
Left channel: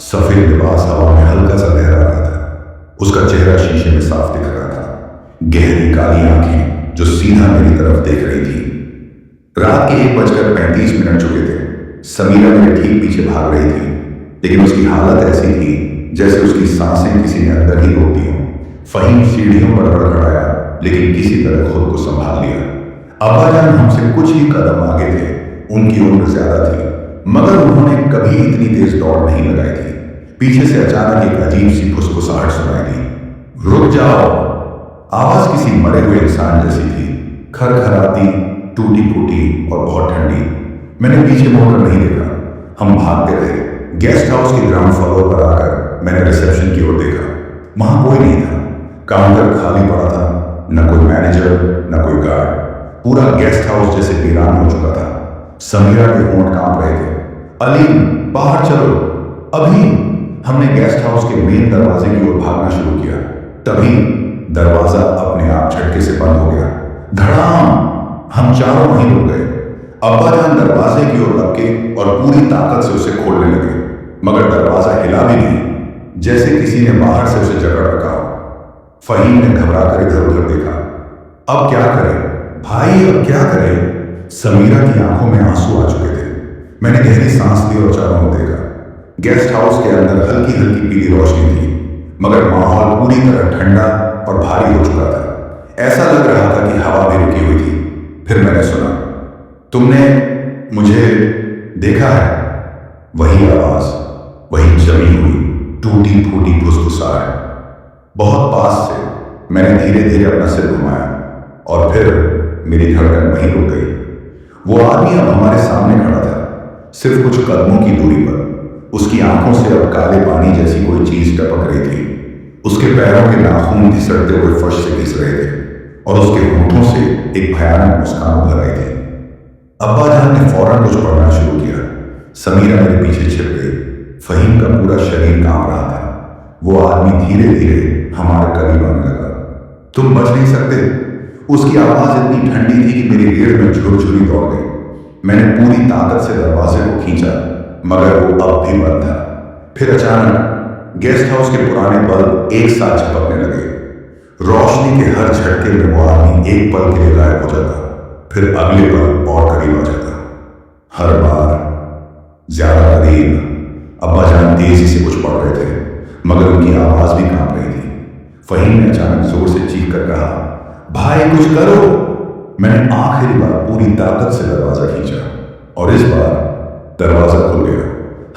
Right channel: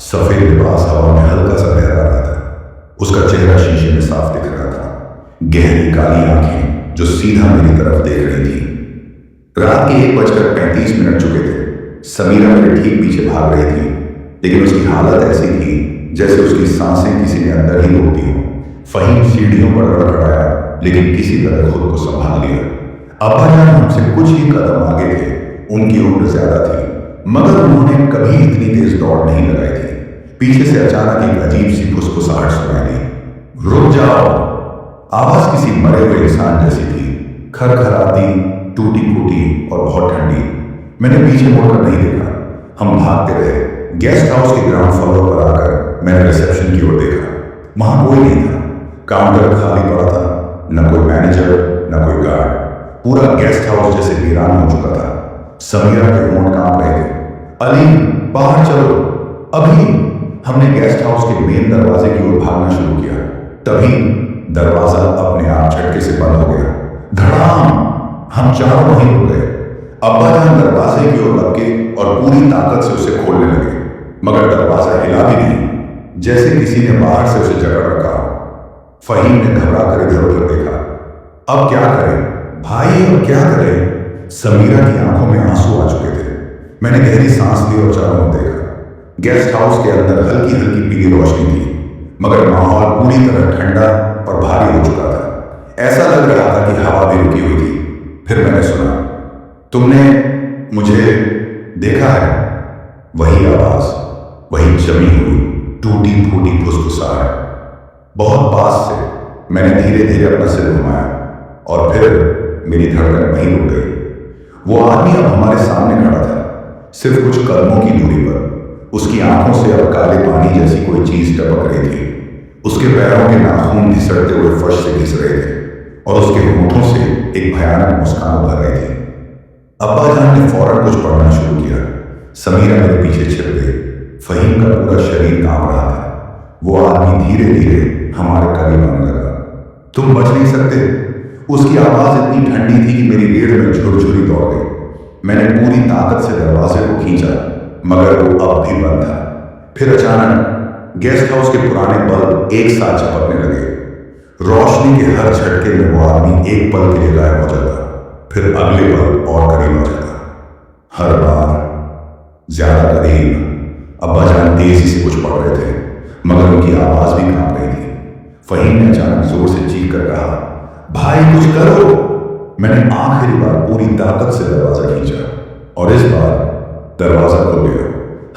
सफेद लिबास हवा में हल्का सा लहरा रहा था। उसका चेहरा शीशे में साफ दिख रहा था। गहरी काली आंखें जो सीधा मेरी तरफ देख रही थी। रात के 1:35 चुके थे। समीरा मेरे ठीक पीछे भाग रही थी लेकिन उसकी हालत ऐसी थी जैसे उसकी सांसें किसी ने अंदर ही रोक दी हो। फहीम सीढ़ियों पर लड़खड़ाया लेकिन किसी तरह खुद को संभाल लिया। अब्बा जान हमसे कुछ ही कदम आगे थे। उनकी उम्र ज्यादा थी मगर उन्होंने कभी इतनी तेज दौड़ नहीं लगाई थी। पीछे से अचानक एक अजीब सी फुसफुसाहट सुनाई दी। रुक जाओ। आवाज किसी मरे हुए इंसान जैसी थी, खरखराती, टूटी फूटी और बहुत ठंडी। मैंने पीछे मुड़कर नहीं देखा। हम भागते रहे। गेस्ट हाउस के ग्राउंड फ्लोर पर आकर मैंने रिसेप्शन की ओर देखा। वहां कोई नहीं था। काउंटर खाली पड़ा था, न कोई मैनेजर न कोई गार्ड। पूरा गेस्ट हाउस जैसे वीरान हो चुका था। समीरा के होंठ कांप रहे थे। अलीम, बाहर चलो, अभी। हमने गेस्ट हाउस के मेन दरवाजे की ओर भागना शुरू किया। तभी दरवाजा अपने आप झटके से बंद हो गया। धड़ाम! हम चारों वहीं रुक गए। अब्बा जान दरवाजे की ओर लपके और पूरी ताकत से उसे खोलने लगे, मगर दरवाजा हिला भी नहीं, जैसे किसी ने बाहर से उसे जकड़ रखा हो। फहीम ने घबरा कर इधर उधर देखा। अब क्या करें भाई, अब क्या करें? समीरा की आंखों में आंसू आ चुके थे। मैंने गहरी सांस ली और चारों ओर देखा। गेस्ट हाउस के अंदर हल्की हल्की पीली रोशनी थी, मगर माहौल पूरी तरह ठंडा और भारी हो चुका था। ऐसा लग रहा था कि हवा भी रुकी हुई थी। फिर मैंने सुना, तुमने मुझे देखा है? वही आवाज, वही जमी हुई टूटी फूटी फुसफुसाहट। बहुत पास से मैंने धीरे धीरे अपना सिर घुमाया और फिर मेरी धड़कन वहीं रुक गई। वो आदमी अब हमारे सामने खड़ा था, सिर्फ कुछ कदमों की दूरी पर। उसकी आंखों से अब काले पानी जैसी कोई चीज टपक रही थी। उसके पैरों के नाखून घिसटते हुए फर्श से घिस रहे थे और उसके होठों से एक भयानक मुस्कान उभर रही थी। अब्बा जान ने फौरन कुछ पढ़ना शुरू किया। समीरा मेरे पीछे छिप गई। फहीम का पूरा शरीर कांप रहा था। वो आदमी धीरे धीरे हमारे करीब आने लगा। तुम बच नहीं सकते। उसकी आवाज इतनी ठंडी थी कि मेरी रीढ़ में झुरझुरी दौड़ गई। मैंने पूरी ताकत से दरवाजे को खींचा, मगर वो अब भी बंद था। फिर अचानक गेस्ट हाउस के पुराने बल्ब एक साथ झपकने लगे। रोशनी के हर झटके में वो आदमी एक पल के लिए गायब हो जाता, फिर अगले पल और करीब आ जाता। हर बार ज्यादा करीब। अब्बा जान तेजी से कुछ पढ़ रहे थे, मगर उनकी आवाज भी कांप रही थी। फहीम ने अचानक जोर से चीख कर कहा, भाई कुछ करो। मैंने आखिरी बार पूरी ताकत से दरवाजा खींचा और इस बार दरवाजा खुल गया।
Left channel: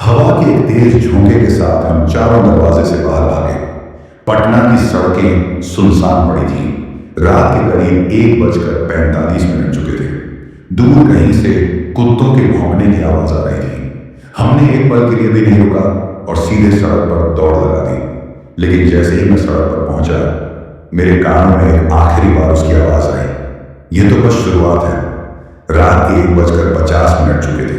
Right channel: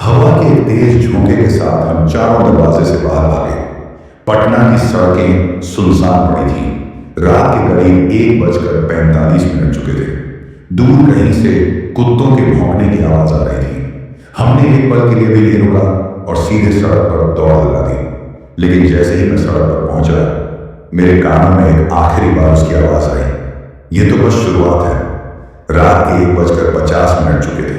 हवा के एक तेज झोंके के साथ हम चारों दरवाजे से बाहर भागे। पटना की सड़कें सुनसान पड़ी थीं। रात के करीब 1:45 चुके थे। दूर कहीं से कुत्तों के भौंकने की आवाज आ रही थी। हमने एक पल के लिए भी नहीं रुका और सीधे सड़क पर दौड़ लगा दी। लेकिन जैसे ही मैं सड़क पर पहुंचा, मेरे कानों में एक आखिरी बार उसकी आवाज आई, यह तो बस शुरुआत है। रात के 1:50 चुके थे।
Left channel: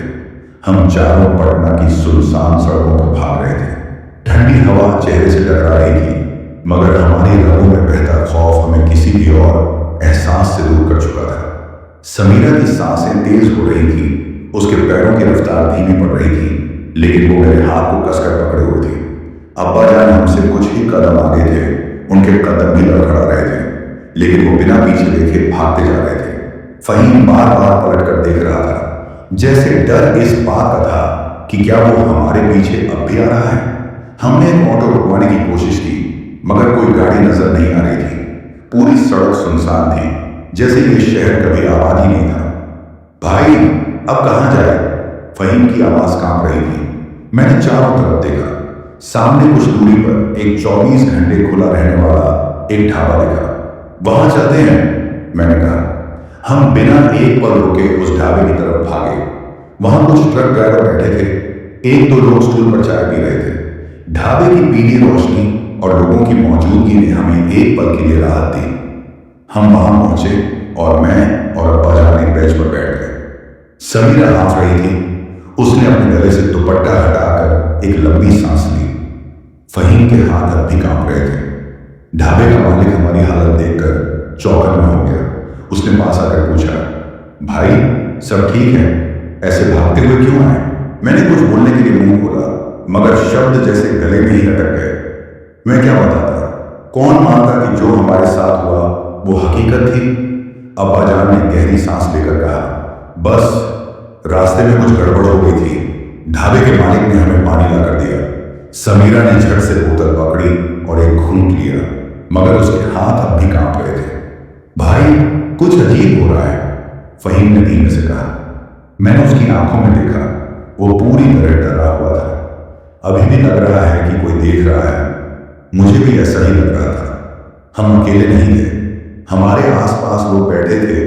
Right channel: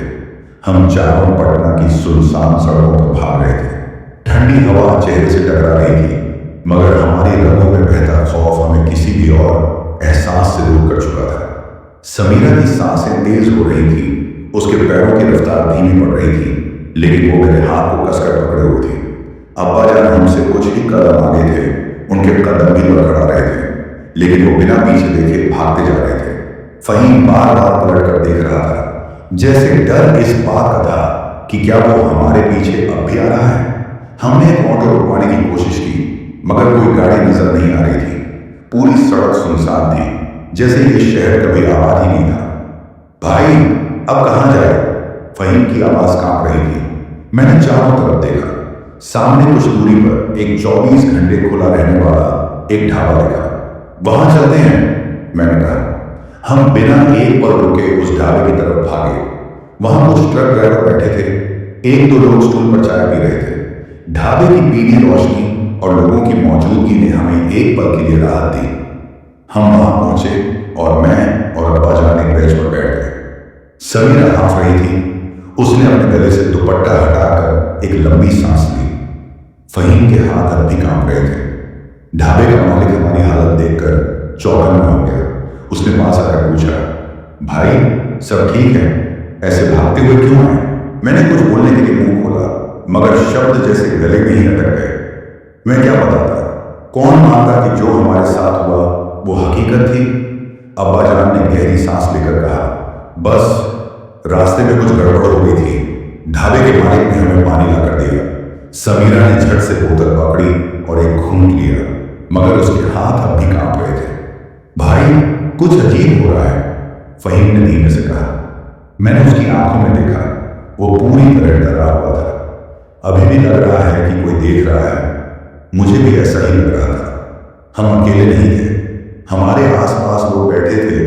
हम चारों पटना की सुनसान सड़कों पर भाग रहे थे। ठंडी हवा चेहरे से टकरा रही थी, मगर हमारी रगों में बहता खौफ हमें किसी भी और एहसास से दूर कर चुका था। समीरा की सांसें तेज हो रही थी। उसके पैरों की रफ्तार धीमी पड़ रही थी, लेकिन वो मेरे हाथ को कसकर पकड़े हुए थे। अब्बा जान हमसे कुछ ही कदम आगे थे। उनके कदम भी लड़खड़ा रहे थे, लेकिन वो बिना पीछे देखे भागते जा रहे थे। फहीम बार बार पलट कर देख रहा था, जैसे डर इस बात का था कि क्या वो हमारे पीछे अब भी आ रहा है। हमने एक ऑटो रुकवाने की कोशिश की, मगर कोई गाड़ी नजर नहीं आ रही थी। पूरी सड़क सुनसान थी, जैसे ये शहर कभी आबाद ही नहीं था। भाई अब कहां जाए? फहीम की आवाज कांप रही थी। मैंने चारों तरफ देखा। सामने कुछ दूरी पर एक 24 घंटे खुला रहने वाला एक ढाबा दिखा। वहां चलते हैं, मैंने कहा। हम बिना एक पल रुके उस ढाबे की तरफ भागे। वहां कुछ ट्रक ड्राइवर बैठे थे। एक दो लोग स्टूल पर चाय पी रहे थे। ढाबे की पीली रोशनी और लोगों की मौजूदगी ने हमें एक पल के लिए राहत दी। हम वहां पहुंचे और मैं और अब्बा जान एक बेंच पर बैठ गए। समीरा हाँफ रही थी। उसने अपने गले से दुपट्टा हटाकर एक लंबी सांस ली। फहीम के हाथ अब भी कांप रहे थे। ढाबे का मालिक हमारी हालत देखकर चौकन्ना हो गया। उसने पास आकर पूछा, भाई सब ठीक है? ऐसे भागते हुए क्यों आए? मैंने कुछ बोलने के लिए मुंह खोला, मगर शब्द जैसे गले में ही अटक गए। मैं क्या बताता? कौन मानता कि जो हमारे साथ हुआ वो हकीकत थी? अब्बा जान ने गहरी सांस लेकर कहा, बस रास्ते में कुछ गड़बड़ हो गई थी। ढाबे के मालिक ने हमें पानी लाकर दिया। समीरा ने झट से बोतल पकड़ी और एक घूंट लिया, मगर उसके हाथ अब भी कांप रहे थे। भाई कुछ अजीब हो रहा है, फहीम ने धीमे से कहा। मैंने उसकी आंखों में देखा, वो पूरी तरह डरा हुआ था। अभी भी लग रहा है कि कोई देख रहा है। मुझे भी ऐसा ही लग रहा था। हम अकेले नहीं थे। हमारे आसपास लोग बैठे थे,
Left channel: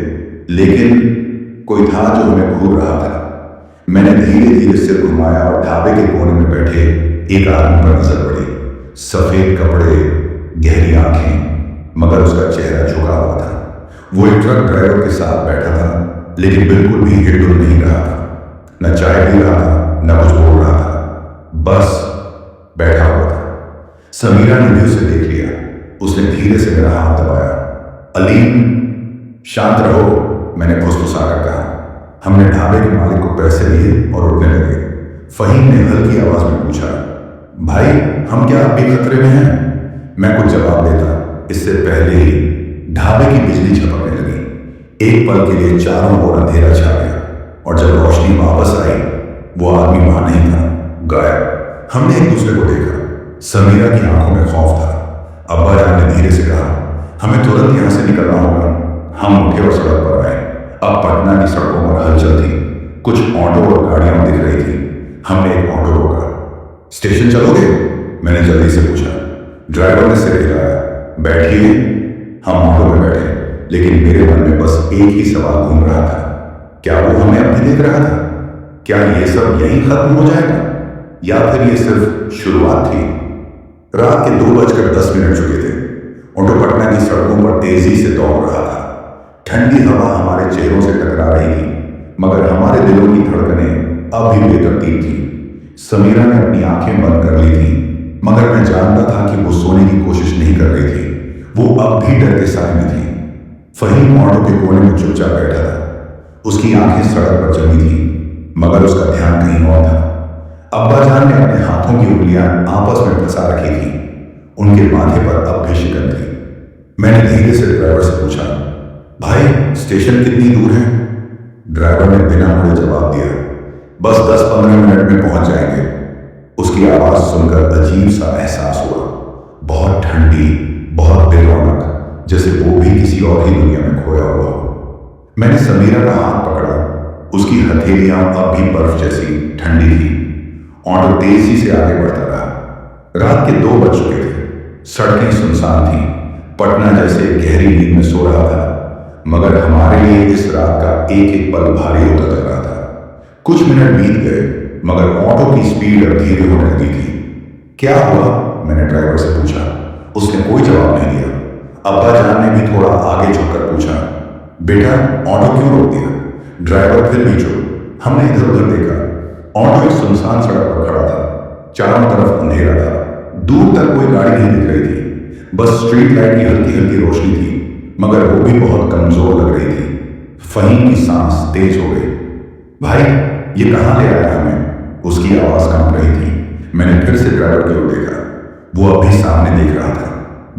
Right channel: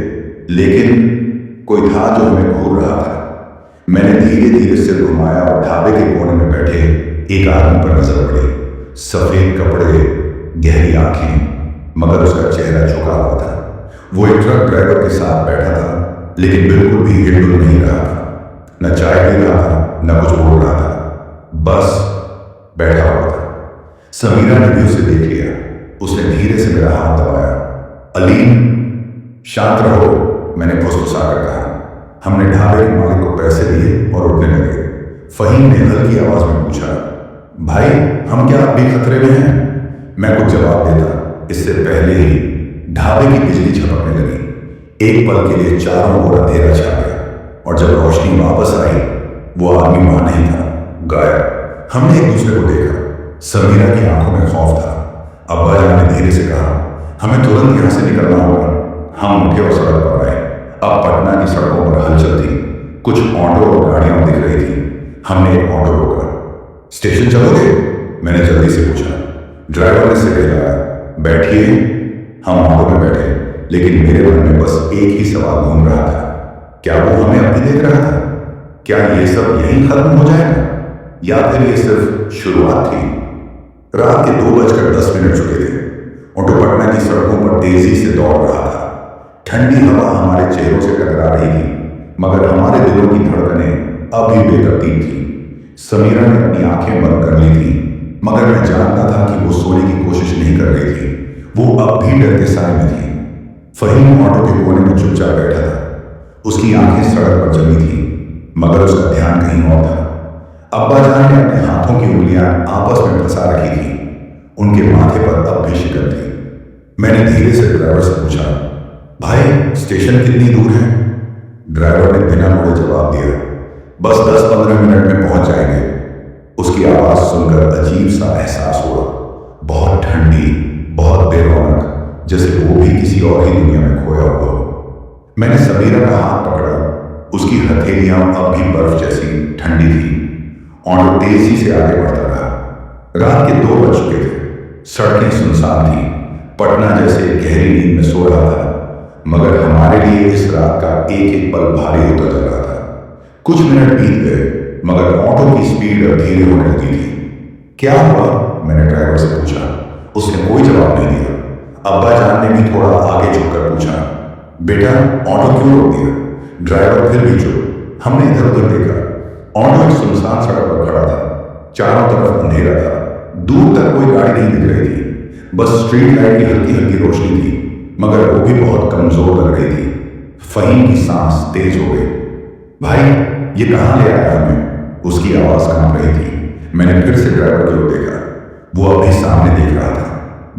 लेकिन कोई था जो हमें घूर रहा था। मैंने धीरे धीरे सिर घुमाया और ढाबे के कोने में बैठे एक आदमी पर नजर पड़ी। सफेद कपड़े, गहरी आंखें, मगर उसका चेहरा झुका हुआ था। वो एक ट्रक ड्राइवर के साथ बैठा था, लेकिन बिल्कुल भी हिलडुल नहीं रहा था। समीरा ने भी उसे देख लिया। उसने धीरे से मेरा हाथ दबाया। अलीम, शांत रहो, मैंने फुसफुसा कर कहा। हमने ढाबे के मालिक को पैसे दिए और उठने लगे। फहीम ने हल्की आवाज में पूछा, भाई हम क्या अब भी खतरे में हैं? मैं कुछ जवाब देता, इससे पहले ही ढाबे की बिजली झपकने लगी। एक पल के लिए चारों ओर अंधेरा छा गया और जब रोशनी वापस आई, वो आदमी वहां नहीं था, गायब। हमने एक दूसरे को देखा। समीरा की आंखों में खौफ था। अब्बा जान ने धीरे से कहा, हमें तुरंत यहां से निकलना होगा। हम उठे और सड़क पर आए। अब पटना की सड़कों पर हलचल थी। कुछ ऑटो और गाड़ियां दिख रही थी। हमने एक ऑटो रोका। स्टेशन चलोगे? मैंने जल्दी से पूछा। ड्राइवर ने सिर हिलाया। बैठिए। हम ऑटो में बैठे, लेकिन मेरे मन में बस एक ही सवाल घूम रहा था, क्या वो हमें अब भी देख रहा था? क्या ये सब यहीं खत्म हो जाएगा या फिर ये सिर्फ शुरुआत थी? रात के 2:10 चुके थे। ऑटो पटना की सड़कों पर तेजी से दौड़ रहा था। ठंडी हवा हमारे चेहरों से टकरा रही थी, मगर हमारे दिलों की धड़कनें अब भी बेतरतीब थी। समीरा ने अपनी आंखें बंद कर ली थी, मगर मैं जानता था कि वो सोने की कोशिश नहीं कर रही थी। वो अब भी डर के साए में थी। फहीम ऑटो के कोने में चुपचाप बैठा था। उसकी आंखें सड़क पर जमी थी, मगर उसका ध्यान कहीं और था। अब्बा जान ने अपने हाथों की उंगलियां आपस में फंसा रखी थी। उनके माथे पर अब भी शिकन थी। मैंने धीरे से ड्राइवर से पूछा, भाई स्टेशन कितनी दूर है? ड्राइवर ने बिना मुड़े जवाब दिया, बस 10-15 मिनट में पहुंच जाएंगे। उसकी आवाज सुनकर अजीब सा एहसास हुआ, बहुत ठंडी, बहुत बेरौनक, जैसे वो भी किसी और ही दुनिया में खोया हुआ हो। मैंने समीरा का हाथ पकड़ा। उसकी हथेलियां अब भी बर्फ जैसी ठंडी थी। ऑटो तेजी से आगे बढ़ता रहा। रात के 2 बज चुके थे। सड़कें सुनसान थी। पटना जैसे गहरी नींद में सो रहा था, मगर हमारे लिए इस रात का एक एक पल भारी होता जा रहा था। कुछ मिनट बीत गए, मगर ऑटो की स्पीड अब धीरे होने लगी थी। क्या हुआ? मैंने ड्राइवर से पूछा। उसने कोई जवाब नहीं दिया। अब्बा जान ने भी थोड़ा आगे झुककर पूछा, बेटा ऑटो क्यों रोक दिया? ड्राइवर फिर भी चुप। हमने इधर उधर देखा। ऑटो एक सुनसान सड़क पर खड़ा था। चारों तरफ अंधेरा था। दूर तक कोई गाड़ी नहीं दिख रही थी, बस स्ट्रीट लाइट की हल्की हल्की रोशनी थी, मगर वो भी बहुत कमजोर लग रही थी। फहीम की सांस तेज हो गई। भाई ये कहां ले आया हमें? उसकी आवाज कांप रही थी। मैंने फिर से ड्राइवर की ओर देखा। वो अभी सामने देख रहा था,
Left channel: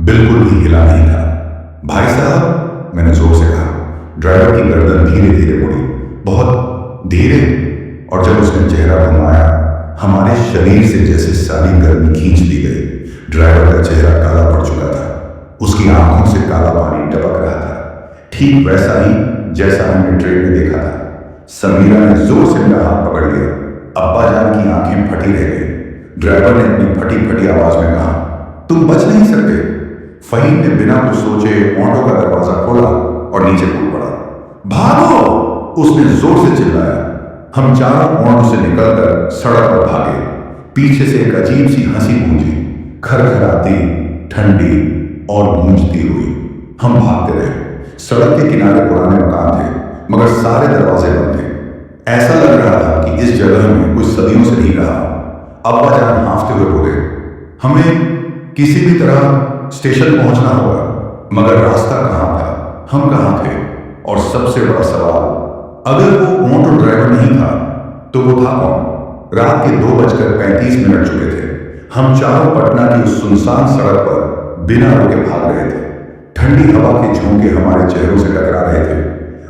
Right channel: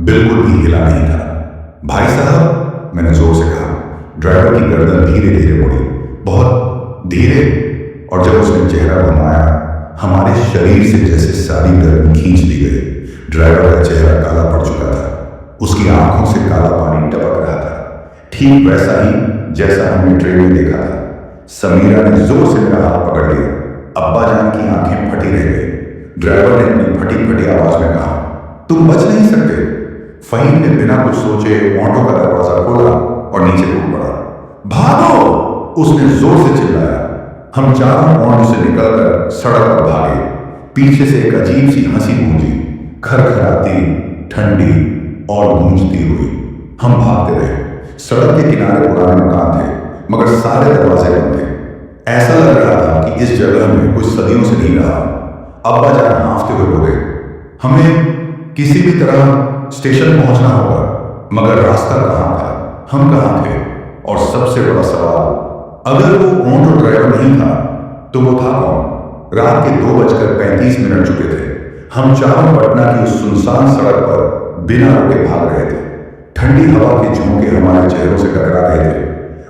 बिल्कुल भी हिला नहीं था। भाई साहब, मैंने जोर से कहा। ड्राइवर की गर्दन धीरे धीरे मुड़ी, बहुत धीरे, और जब उसने चेहरा घुमाया, हमारे शरीर से जैसे सारी गर्मी खींच ली गई। ड्राइवर का चेहरा काला पड़ चुका था। उसकी आंखों से काला पानी टपक रहा था, ठीक वैसा ही जैसा हमने ट्रेन में देखा था। समीरा ने जोर से मेरा हाथ पकड़ लिया। अब्बा जान की आंखें फटी रह गई। ड्राइवर ने अपनी फटी फटी आवाज में कहा, तुम बच नहीं सकते। फहीम ने बिना कुछ सोचे ऑटो का दरवाजा खोला और नीचे कूद पड़ा। भागो! उसने जोर से चिल्लाया। हम चारों ऑटो से निकलकर सड़क पर भागे। पीछे से एक अजीब सी हंसी गूंजी, खरखराती, ठंडी और गूंजती हुई। हम भागते रहे। सड़क के किनारे पुराने मकान थे, मगर सारे दरवाजे बंद थे। ऐसा लग रहा था कि इस जगह में कुछ सदियों से नहीं रहा। अब्बा जान हांफते हुए बोले, हमें किसी भी तरह स्टेशन पहुंचना होगा, मगर रास्ता कहां था? हम कहां थे? और सबसे बड़ा सवाल, अगर वो ऑटो ड्राइवर नहीं था तो वो था कौन? रात के 2:35 चुके थे। हम चारों पटना की उस सुनसान सड़क पर बिना रोके भाग रहे थे। ठंडी हवा के झोंके हमारे चेहरों से टकरा रहे थे,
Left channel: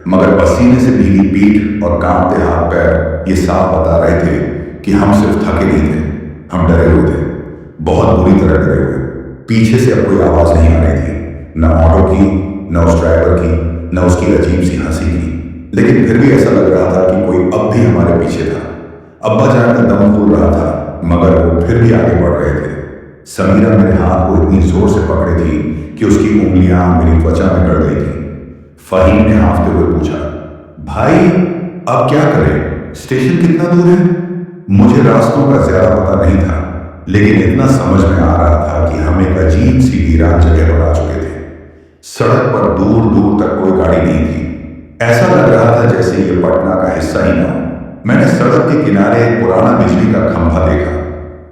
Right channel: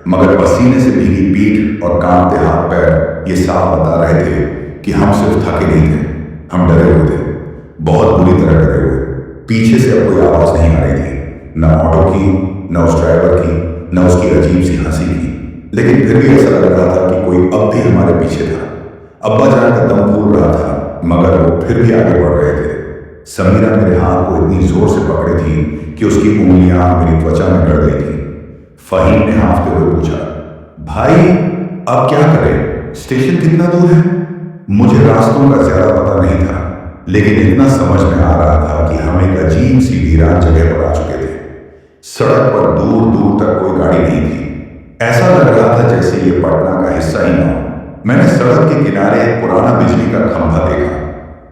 मगर पसीने से भीगी पीठ और कांपते हाथ पैर ये साफ बता रहे थे कि हम सिर्फ थके नहीं थे, हम डरे हुए थे, बहुत बुरी तरह डरे हुए। पीछे से अब कोई आवाज नहीं आ रही थी, न ऑटो की, न उस ड्राइवर की, न उसकी अजीब सी हंसी की, लेकिन फिर भी ऐसा लग रहा था कि कोई अब भी हमारे पीछे था। अब्बा जान का दम फूल रहा था, मगर वो फिर भी आगे बढ़ रहे थे। समीरा मेरे हाथ को इतनी जोर से पकड़े थी कि उसकी उंगलियां मेरी त्वचा में गड़ गई थी। फहीम ने हांफते हुए पूछा, भाई अब क्या करें? स्टेशन कितना दूर है? मुझे रास्तों का ज्यादा पता नहीं था, लेकिन इतना समझ में आ रहा था कि हम एक अजीब सी वीरान जगह पर आ चुके थे। सड़क पर दूर दूर तक कोई गाड़ी नहीं थी। ऐसा लग रहा था जैसे ये पटना का हिस्सा ही ना हो। मैंने सड़क के किनारे एक पुराना बिजली का खंभा देखा,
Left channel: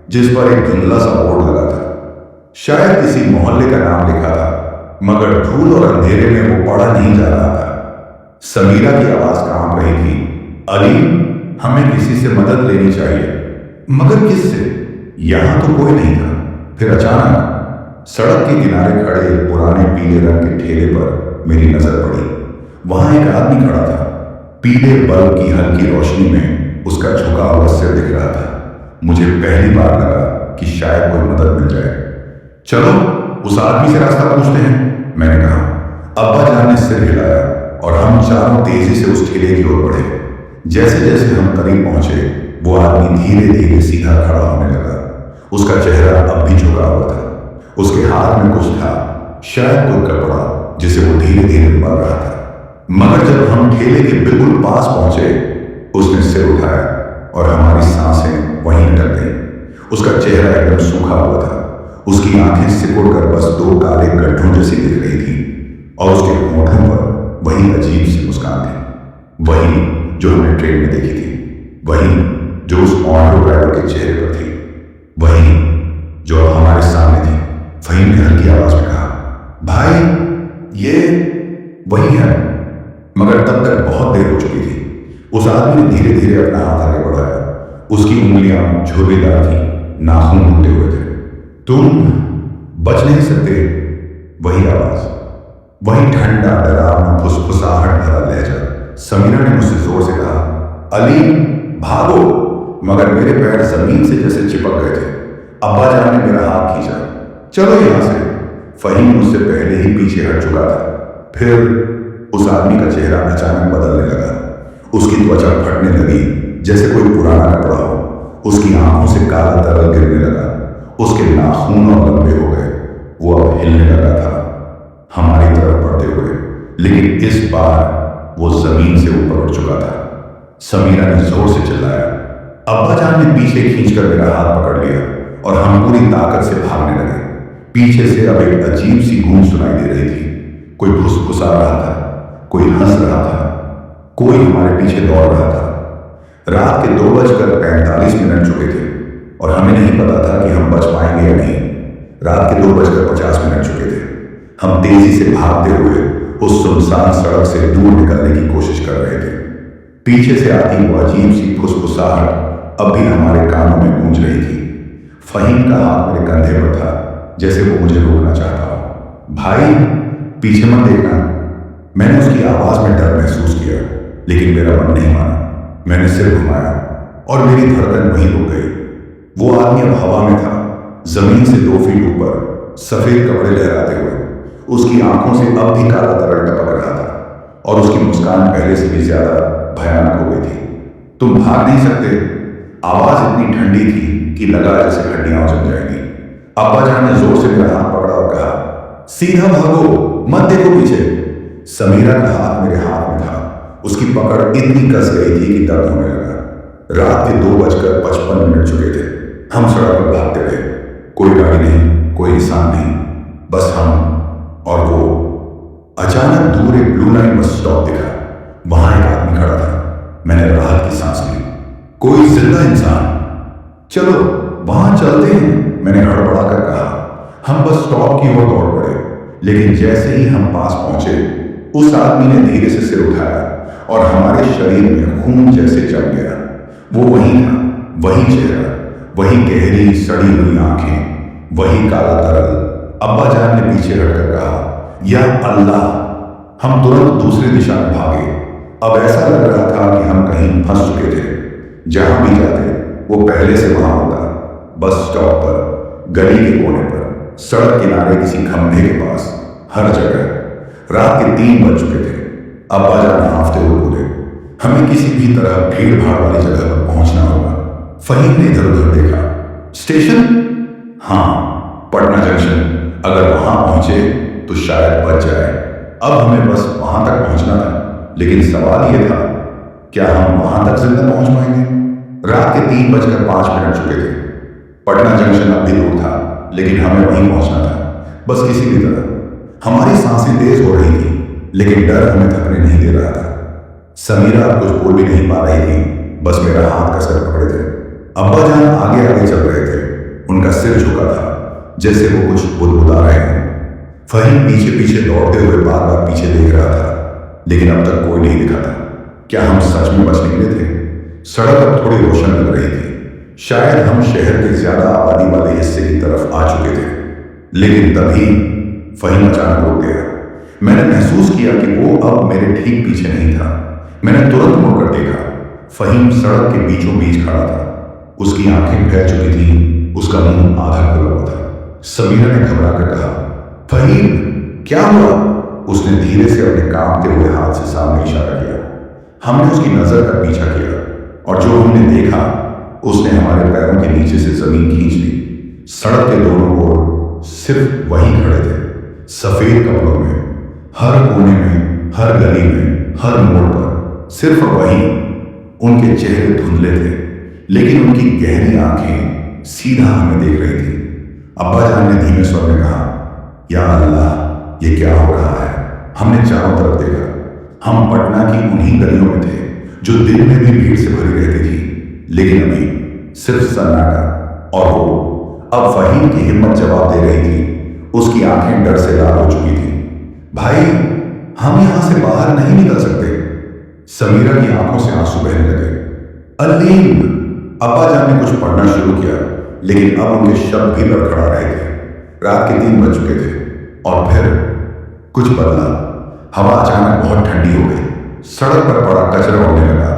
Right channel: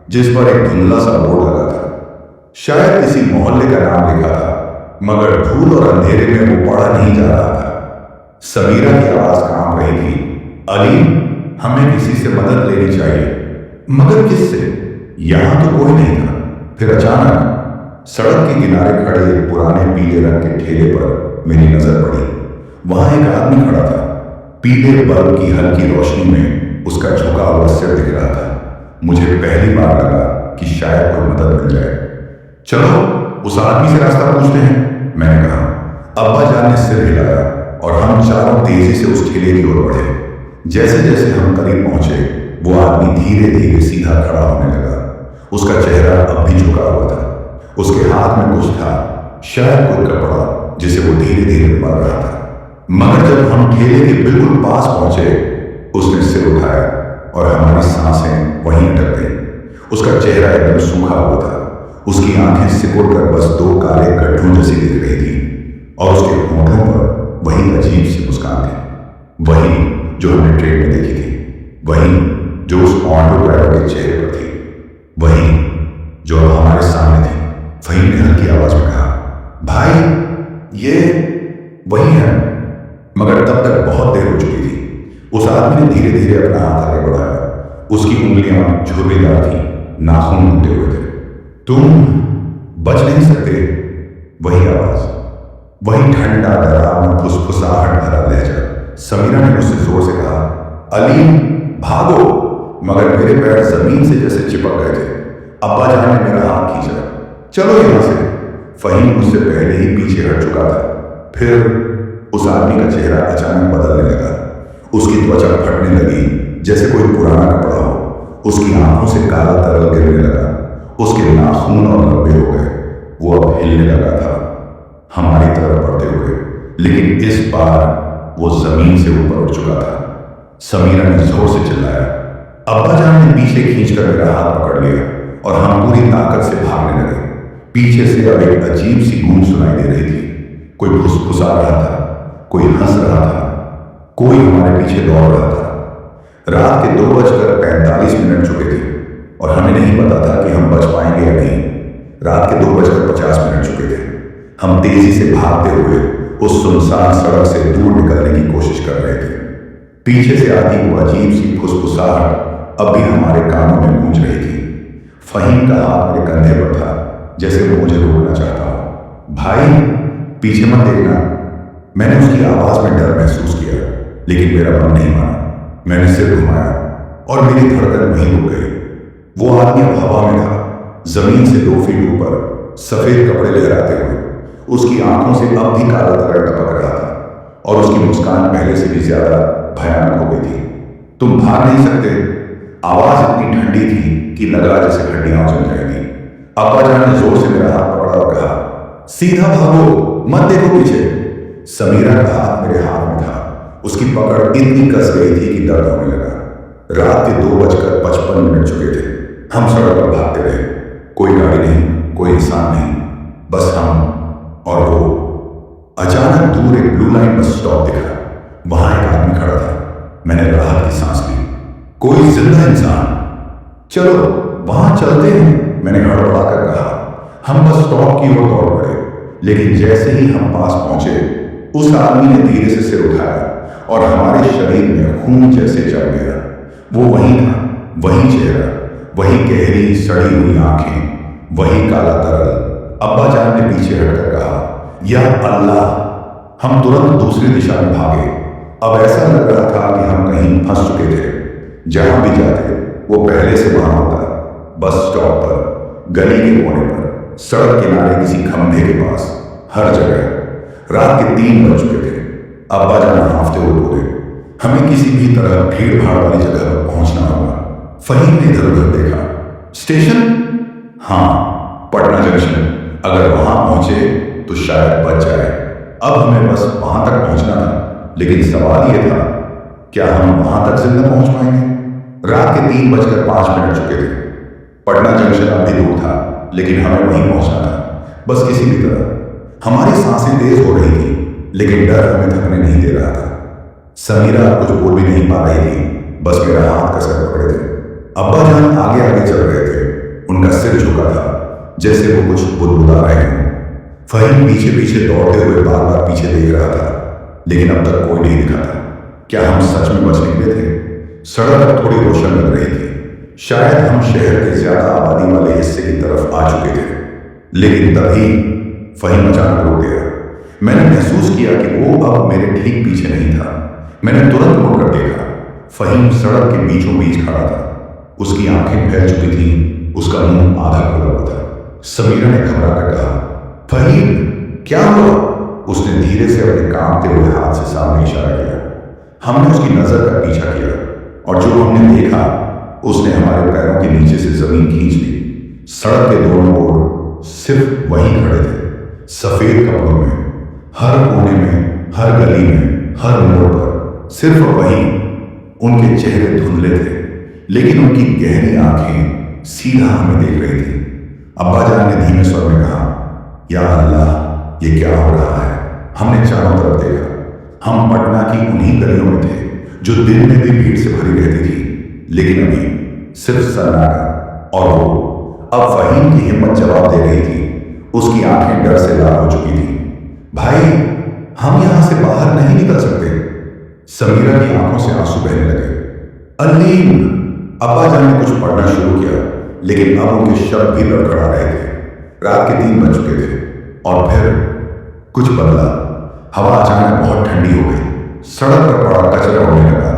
जिस पर एक धुंधला सा बोर्ड लगा था, शायद किसी मोहल्ले का नाम लिखा था, मगर धूल और अंधेरे में वो पढ़ा नहीं जा रहा था। समीरा की आवाज कांप रही थी, अली, हमें किसी से मदद लेनी चाहिए। मगर किससे? यहां तो कोई नहीं था। फिर अचानक सड़क के किनारे खड़े एक पुराने पीले रंग के ठेले पर मेरी नजर पड़ी। वहां एक आदमी खड़ा था। पीले बल्ब की हल्की रोशनी में उसका झुका हुआ सिर दिख रहा था। मुझे पहली बार लगा कि शायद कोई मदद मिल जाए। चलो उस आदमी से रास्ता पूछते हैं, मैंने कहा। अब्बा जान ने सिर हिलाया और हम चारों तेजी से उस ठेले की ओर बढ़े। जैसे जैसे हम करीब पहुंचे, वो आदमी धीरे धीरे सीधा खड़ा होने लगा। उसका चेहरा अब भी झुका हुआ था। उसके हाथ में कुछ था, शायद कोई कपड़ा जिसे वो धीरे धीरे मल रहा था। मगर जब हम ठेले के बिल्कुल पास पहुंचे, उसने सिर उठाया और हमारी सांसें वहीं अटक गईं। उसका चेहरा एकदम सूखा हुआ था। उसकी आंखें सिकुड़ कर बस दो काले गड्ढों जैसी दिख रही थी और उसके होठों पर वही अजीब सी मुस्कान थी, वही जो हमने ट्रेन में देखी थी, वही जो उस ऑटो ड्राइवर के चेहरे पर थी, वही जो अब हमारे सामने थी। फहीम ने हल्की आवाज में कहा, भाई ये वही है। मगर तब तक बहुत देर हो चुकी थी। उस आदमी ने धीरे धीरे अपना हाथ आगे बढ़ाया। उसकी उंगलियां झुर्रीदार थी, नाखून टूटे हुए थे। तुम बच नहीं सकते। वही आवाज, वही ठंडा डरावना फुसफुसाहट भरा लहजा। समीरा ने मुझसे जोर से कहा, अली भागो। मगर मेरे पैर जमीन से जैसे चिपक गए थे। अब्बा जान ने मेरा हाथ खींचा, चलो यहां से। फहीम मुझसे पहले ही पीछे हट चुका था। फिर उस आदमी का चेहरा अचानक बदलने लगा। उसकी त्वचा फटने लगी जैसे कोई पुराना कपड़ा हो। उसकी आंखों से काला तरल गिरने लगा। उसके नाखून और लंबे हो गए। वो अब हिलने लगा था हमारी तरफ बढ़ते हुए, लेकिन इस बार वो जमीन से ऊपर उठ चुका था। समीरा ने जोर से चिल्लाया। अब्बा जान ने पीछे खींचकर मेरा हाथ पकड़ लिया और हम पूरी ताकत से भागने लगे। पीछे से अब एक अजीब सी गूंज सुनाई दे रही थी। कोई फुसफुसा रहा था, कोई हंस रहा था, कोई हमारे पीछे दौड़ रहा था। रात के 2:45 चुके थे और हमें नहीं पता था कि हम बच पाएंगे या नहीं। रात के 2:50 चुके थे। हम तेजी से भागते हुए उस सुनसान सड़क से दूर निकलने की कोशिश कर रहे थे। पीछे से आती वो अजीब सी फुसफुसाहट अब भी हमारे कानों में गूंज रही थी। फहीम का हाथ मेरे कंधे पर था, जैसे वो मुझे रोकना चाहता हो। भाई पीछे मत देखना। मैंने उसकी आवाज में डर महसूस किया, लेकिन मेरा मन नहीं माना। मैंने सिर घुमाया और मेरी धड़कन वहीं रुक गई। वो आदमी अब हवा में था, जमीन से 2 फीट ऊपर, सफेद कपड़े लहराते हुए। उसकी आंखों से अब भी काला तरल टपक रहा था और उसकी मुस्कान पहले से भी ज्यादा भयानक हो गई थी। तुम भाग नहीं सकते। आवाज इतनी ठंडी थी कि लगा जैसे हड्डियां जम जाएंगी। अब्बा जान ने जोर से मेरा हाथ पकड़ा और कहा, सीधा भागो, मत देखो पीछे। समीरा का हाथ मेरे हाथ में था। उसकी पकड़ इतनी कस गई थी कि दर्द होने लगा। रात के 2:55 चुके थे। हम सड़क पर भागते रहे। कोई गाड़ी नहीं, कोई इंसान नहीं, बस हम और वो। अचानक दूर एक ब्लू लाइन बस स्टॉप दिखा। वहां एक आदमी खड़ा था। मैंने राहत की सांस ली। कोई जिंदा इंसान। चलो वहां चलते हैं, मैंने हड़बड़ाकर कहा। हम बस स्टॉप की ओर दौड़ पड़े, लेकिन जैसे ही हम पास पहुंचे, उस आदमी ने धीरे से सिर उठाया और हमारे शरीर में खून जैसे जम गया। वो वही था, वही चेहरा, वही गहरी सड़ी हुई आंखें, वही काला तरल। अब्बा जान ने पीछे हटकर कहा, या अल्लाह। हम तुरंत दूसरी दिशा में भागे। अब ऐसा लग रहा था कि हम कहीं फंस चुके थे। जहां भी जाते वो पहले से वहां होता। बस स्टॉप पर, गली के कोने पर, सड़क किनारे किसी खंभे के पास, हर जगह। रात के 3 बज चुके थे। अब्बा जान हांफते हुए बोले, हमें किसी भी तरह भीड़ भाड़ वाली जगह पर पहुंचना होगा। फहीम ने इधर उधर देखा। स्टेशन? हाँ, पटना जंक्शन। अगर वहां पहुंचे तो शायद बच जाए। अब हमें बस वहां तक पहुंचना था, लेकिन सवाल यह था, क्या हम वहां तक जिंदा पहुंच पाएंगे? रात के 3:05 चुके थे। पटना जंक्शन अब भी दूर था, लेकिन हमें वहीं पहुंचना था, बस किसी भी तरह। हमारी सांसें तेज हो रही थी, लेकिन डर हमें थकने नहीं दे रहा था। समीरा अब कुछ बोल भी नहीं पा रही थी, बस मेरा हाथ कसकर पकड़े थे। अब्बा जान आगे आगे चल रहे थे। उनका सिर झुका था, जैसे वो कुछ बुदबुदा रहे हों। फहीम पीछे पीछे दौड़ते हुए बार बार पीछे देख रहा था, लेकिन अब तक कोई नहीं दिखा था। क्या हम सच में बच निकले थे? सड़क अब थोड़ी रोशन लग रही थी। शायद हम शहर के ज्यादा आबादी वाले हिस्से की तरफ आ चुके थे। लेकिन तभी फहीम अचानक रुक गया। मैंने महसूस किया कि वो अब मेरे ठीक पीछे नहीं था। मैंने तुरंत मुड़कर देखा। फहीम सड़क के बीचों बीच खड़ा था। उसकी आंखें फैल चुकी थी, उसका मुंह आधा खुला हुआ था। समीरा ने घबरा कर कहा, फहीम क्या हुआ? उसने धीरे से अपने कांपते हुए हाथ से सामने इशारा किया। हमने उसकी नजर का पीछा किया और जो हमने देखा उसने हमारे पैरों के नीचे से जमीन खींच ली। सड़क के दोनों ओर सिर्फ वही खड़े थे, सफेद कपड़ों में, हर कोने में, हर गली में, हर मोड़ पर सिर्फ वही। उनके चेहरे धुंधले थे, लेकिन उनकी गहरी आंखें सीधा हमें देख रही थी। अब्बा जान ने धीमे स्वर में कहा, या अल्लाह, ये क्या हो रहा है? हमने चारों तरफ देखा। हम पटना की उन्हीं गलियों में थे जो दिन में भी भीड़ से भरी रहती थी, लेकिन अभी सिर्फ सन्नाटा। और वो अब फहीम की हिम्मत जवाब दे रही थी। उसकी आंखें डर से लाल हो चुकी थी। भाई, हम यहां से बाहर नहीं निकल सकते। समीरा की आंखों से आंसू बहने लगे। अलीम! अब्बा जान ने कुछ पढ़ना शुरू किया, लेकिन अब उनके शब्द भी लड़खड़ा रहे थे। रात के 3 बज चुके थे और फिर कुछ बदला। हवा अचानक बहुत ठंडी हो गई। सड़क पर पड़ा कचरा उड़ने लगा,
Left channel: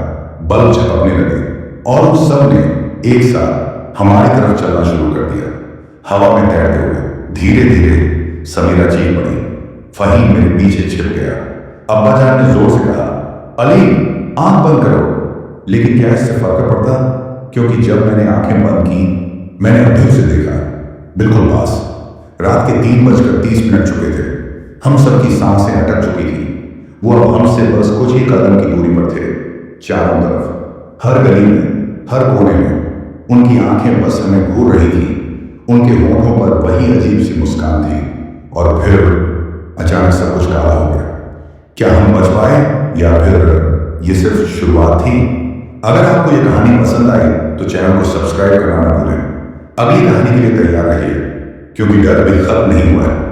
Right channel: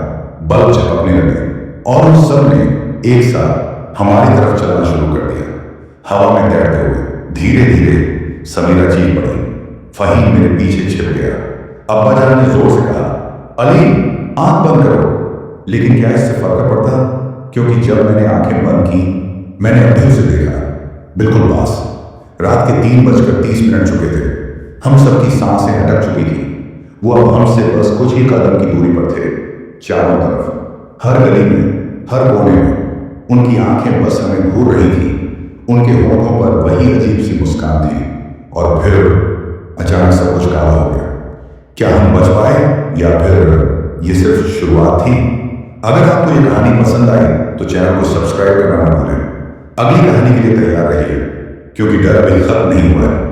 बल्ब झपकने लगे और उन सब ने एक साथ हमारी तरफ चलना शुरू कर दिया। हवा में तैरते हुए धीरे धीरे समीरा चीख पड़ी। फहीम मेरे पीछे छिप गया। अब्बा जान ने जोर से कहा, अली, आंख बंद करो। लेकिन क्या इससे फर्क पड़ता? क्योंकि जब मैंने आंखें बंद की, मैंने अभी उसे देखा, बिल्कुल पास। रात के 3:30 चुके थे। हम सबकी सांसें अटक चुकी थी। वो अब हमसे बस कुछ ही कदम की दूरी पर थे। चारों तरफ, हर गली में, हर कोने में उनकी आंखें बस हमें घूर रही थी। उनके होठों पर वही अजीब सी मुस्कान थी। और फिर अचानक सब कुछ काला हो गया। क्या हम बच पाए या फिर ये सिर्फ शुरुआत थी? अगर आपको ये कहानी पसंद आई तो चैनल को सब्सक्राइब करना ना भूलें। अगली कहानी के लिए तैयार रहिए, क्योंकि डर अभी खत्म नहीं हुआ है।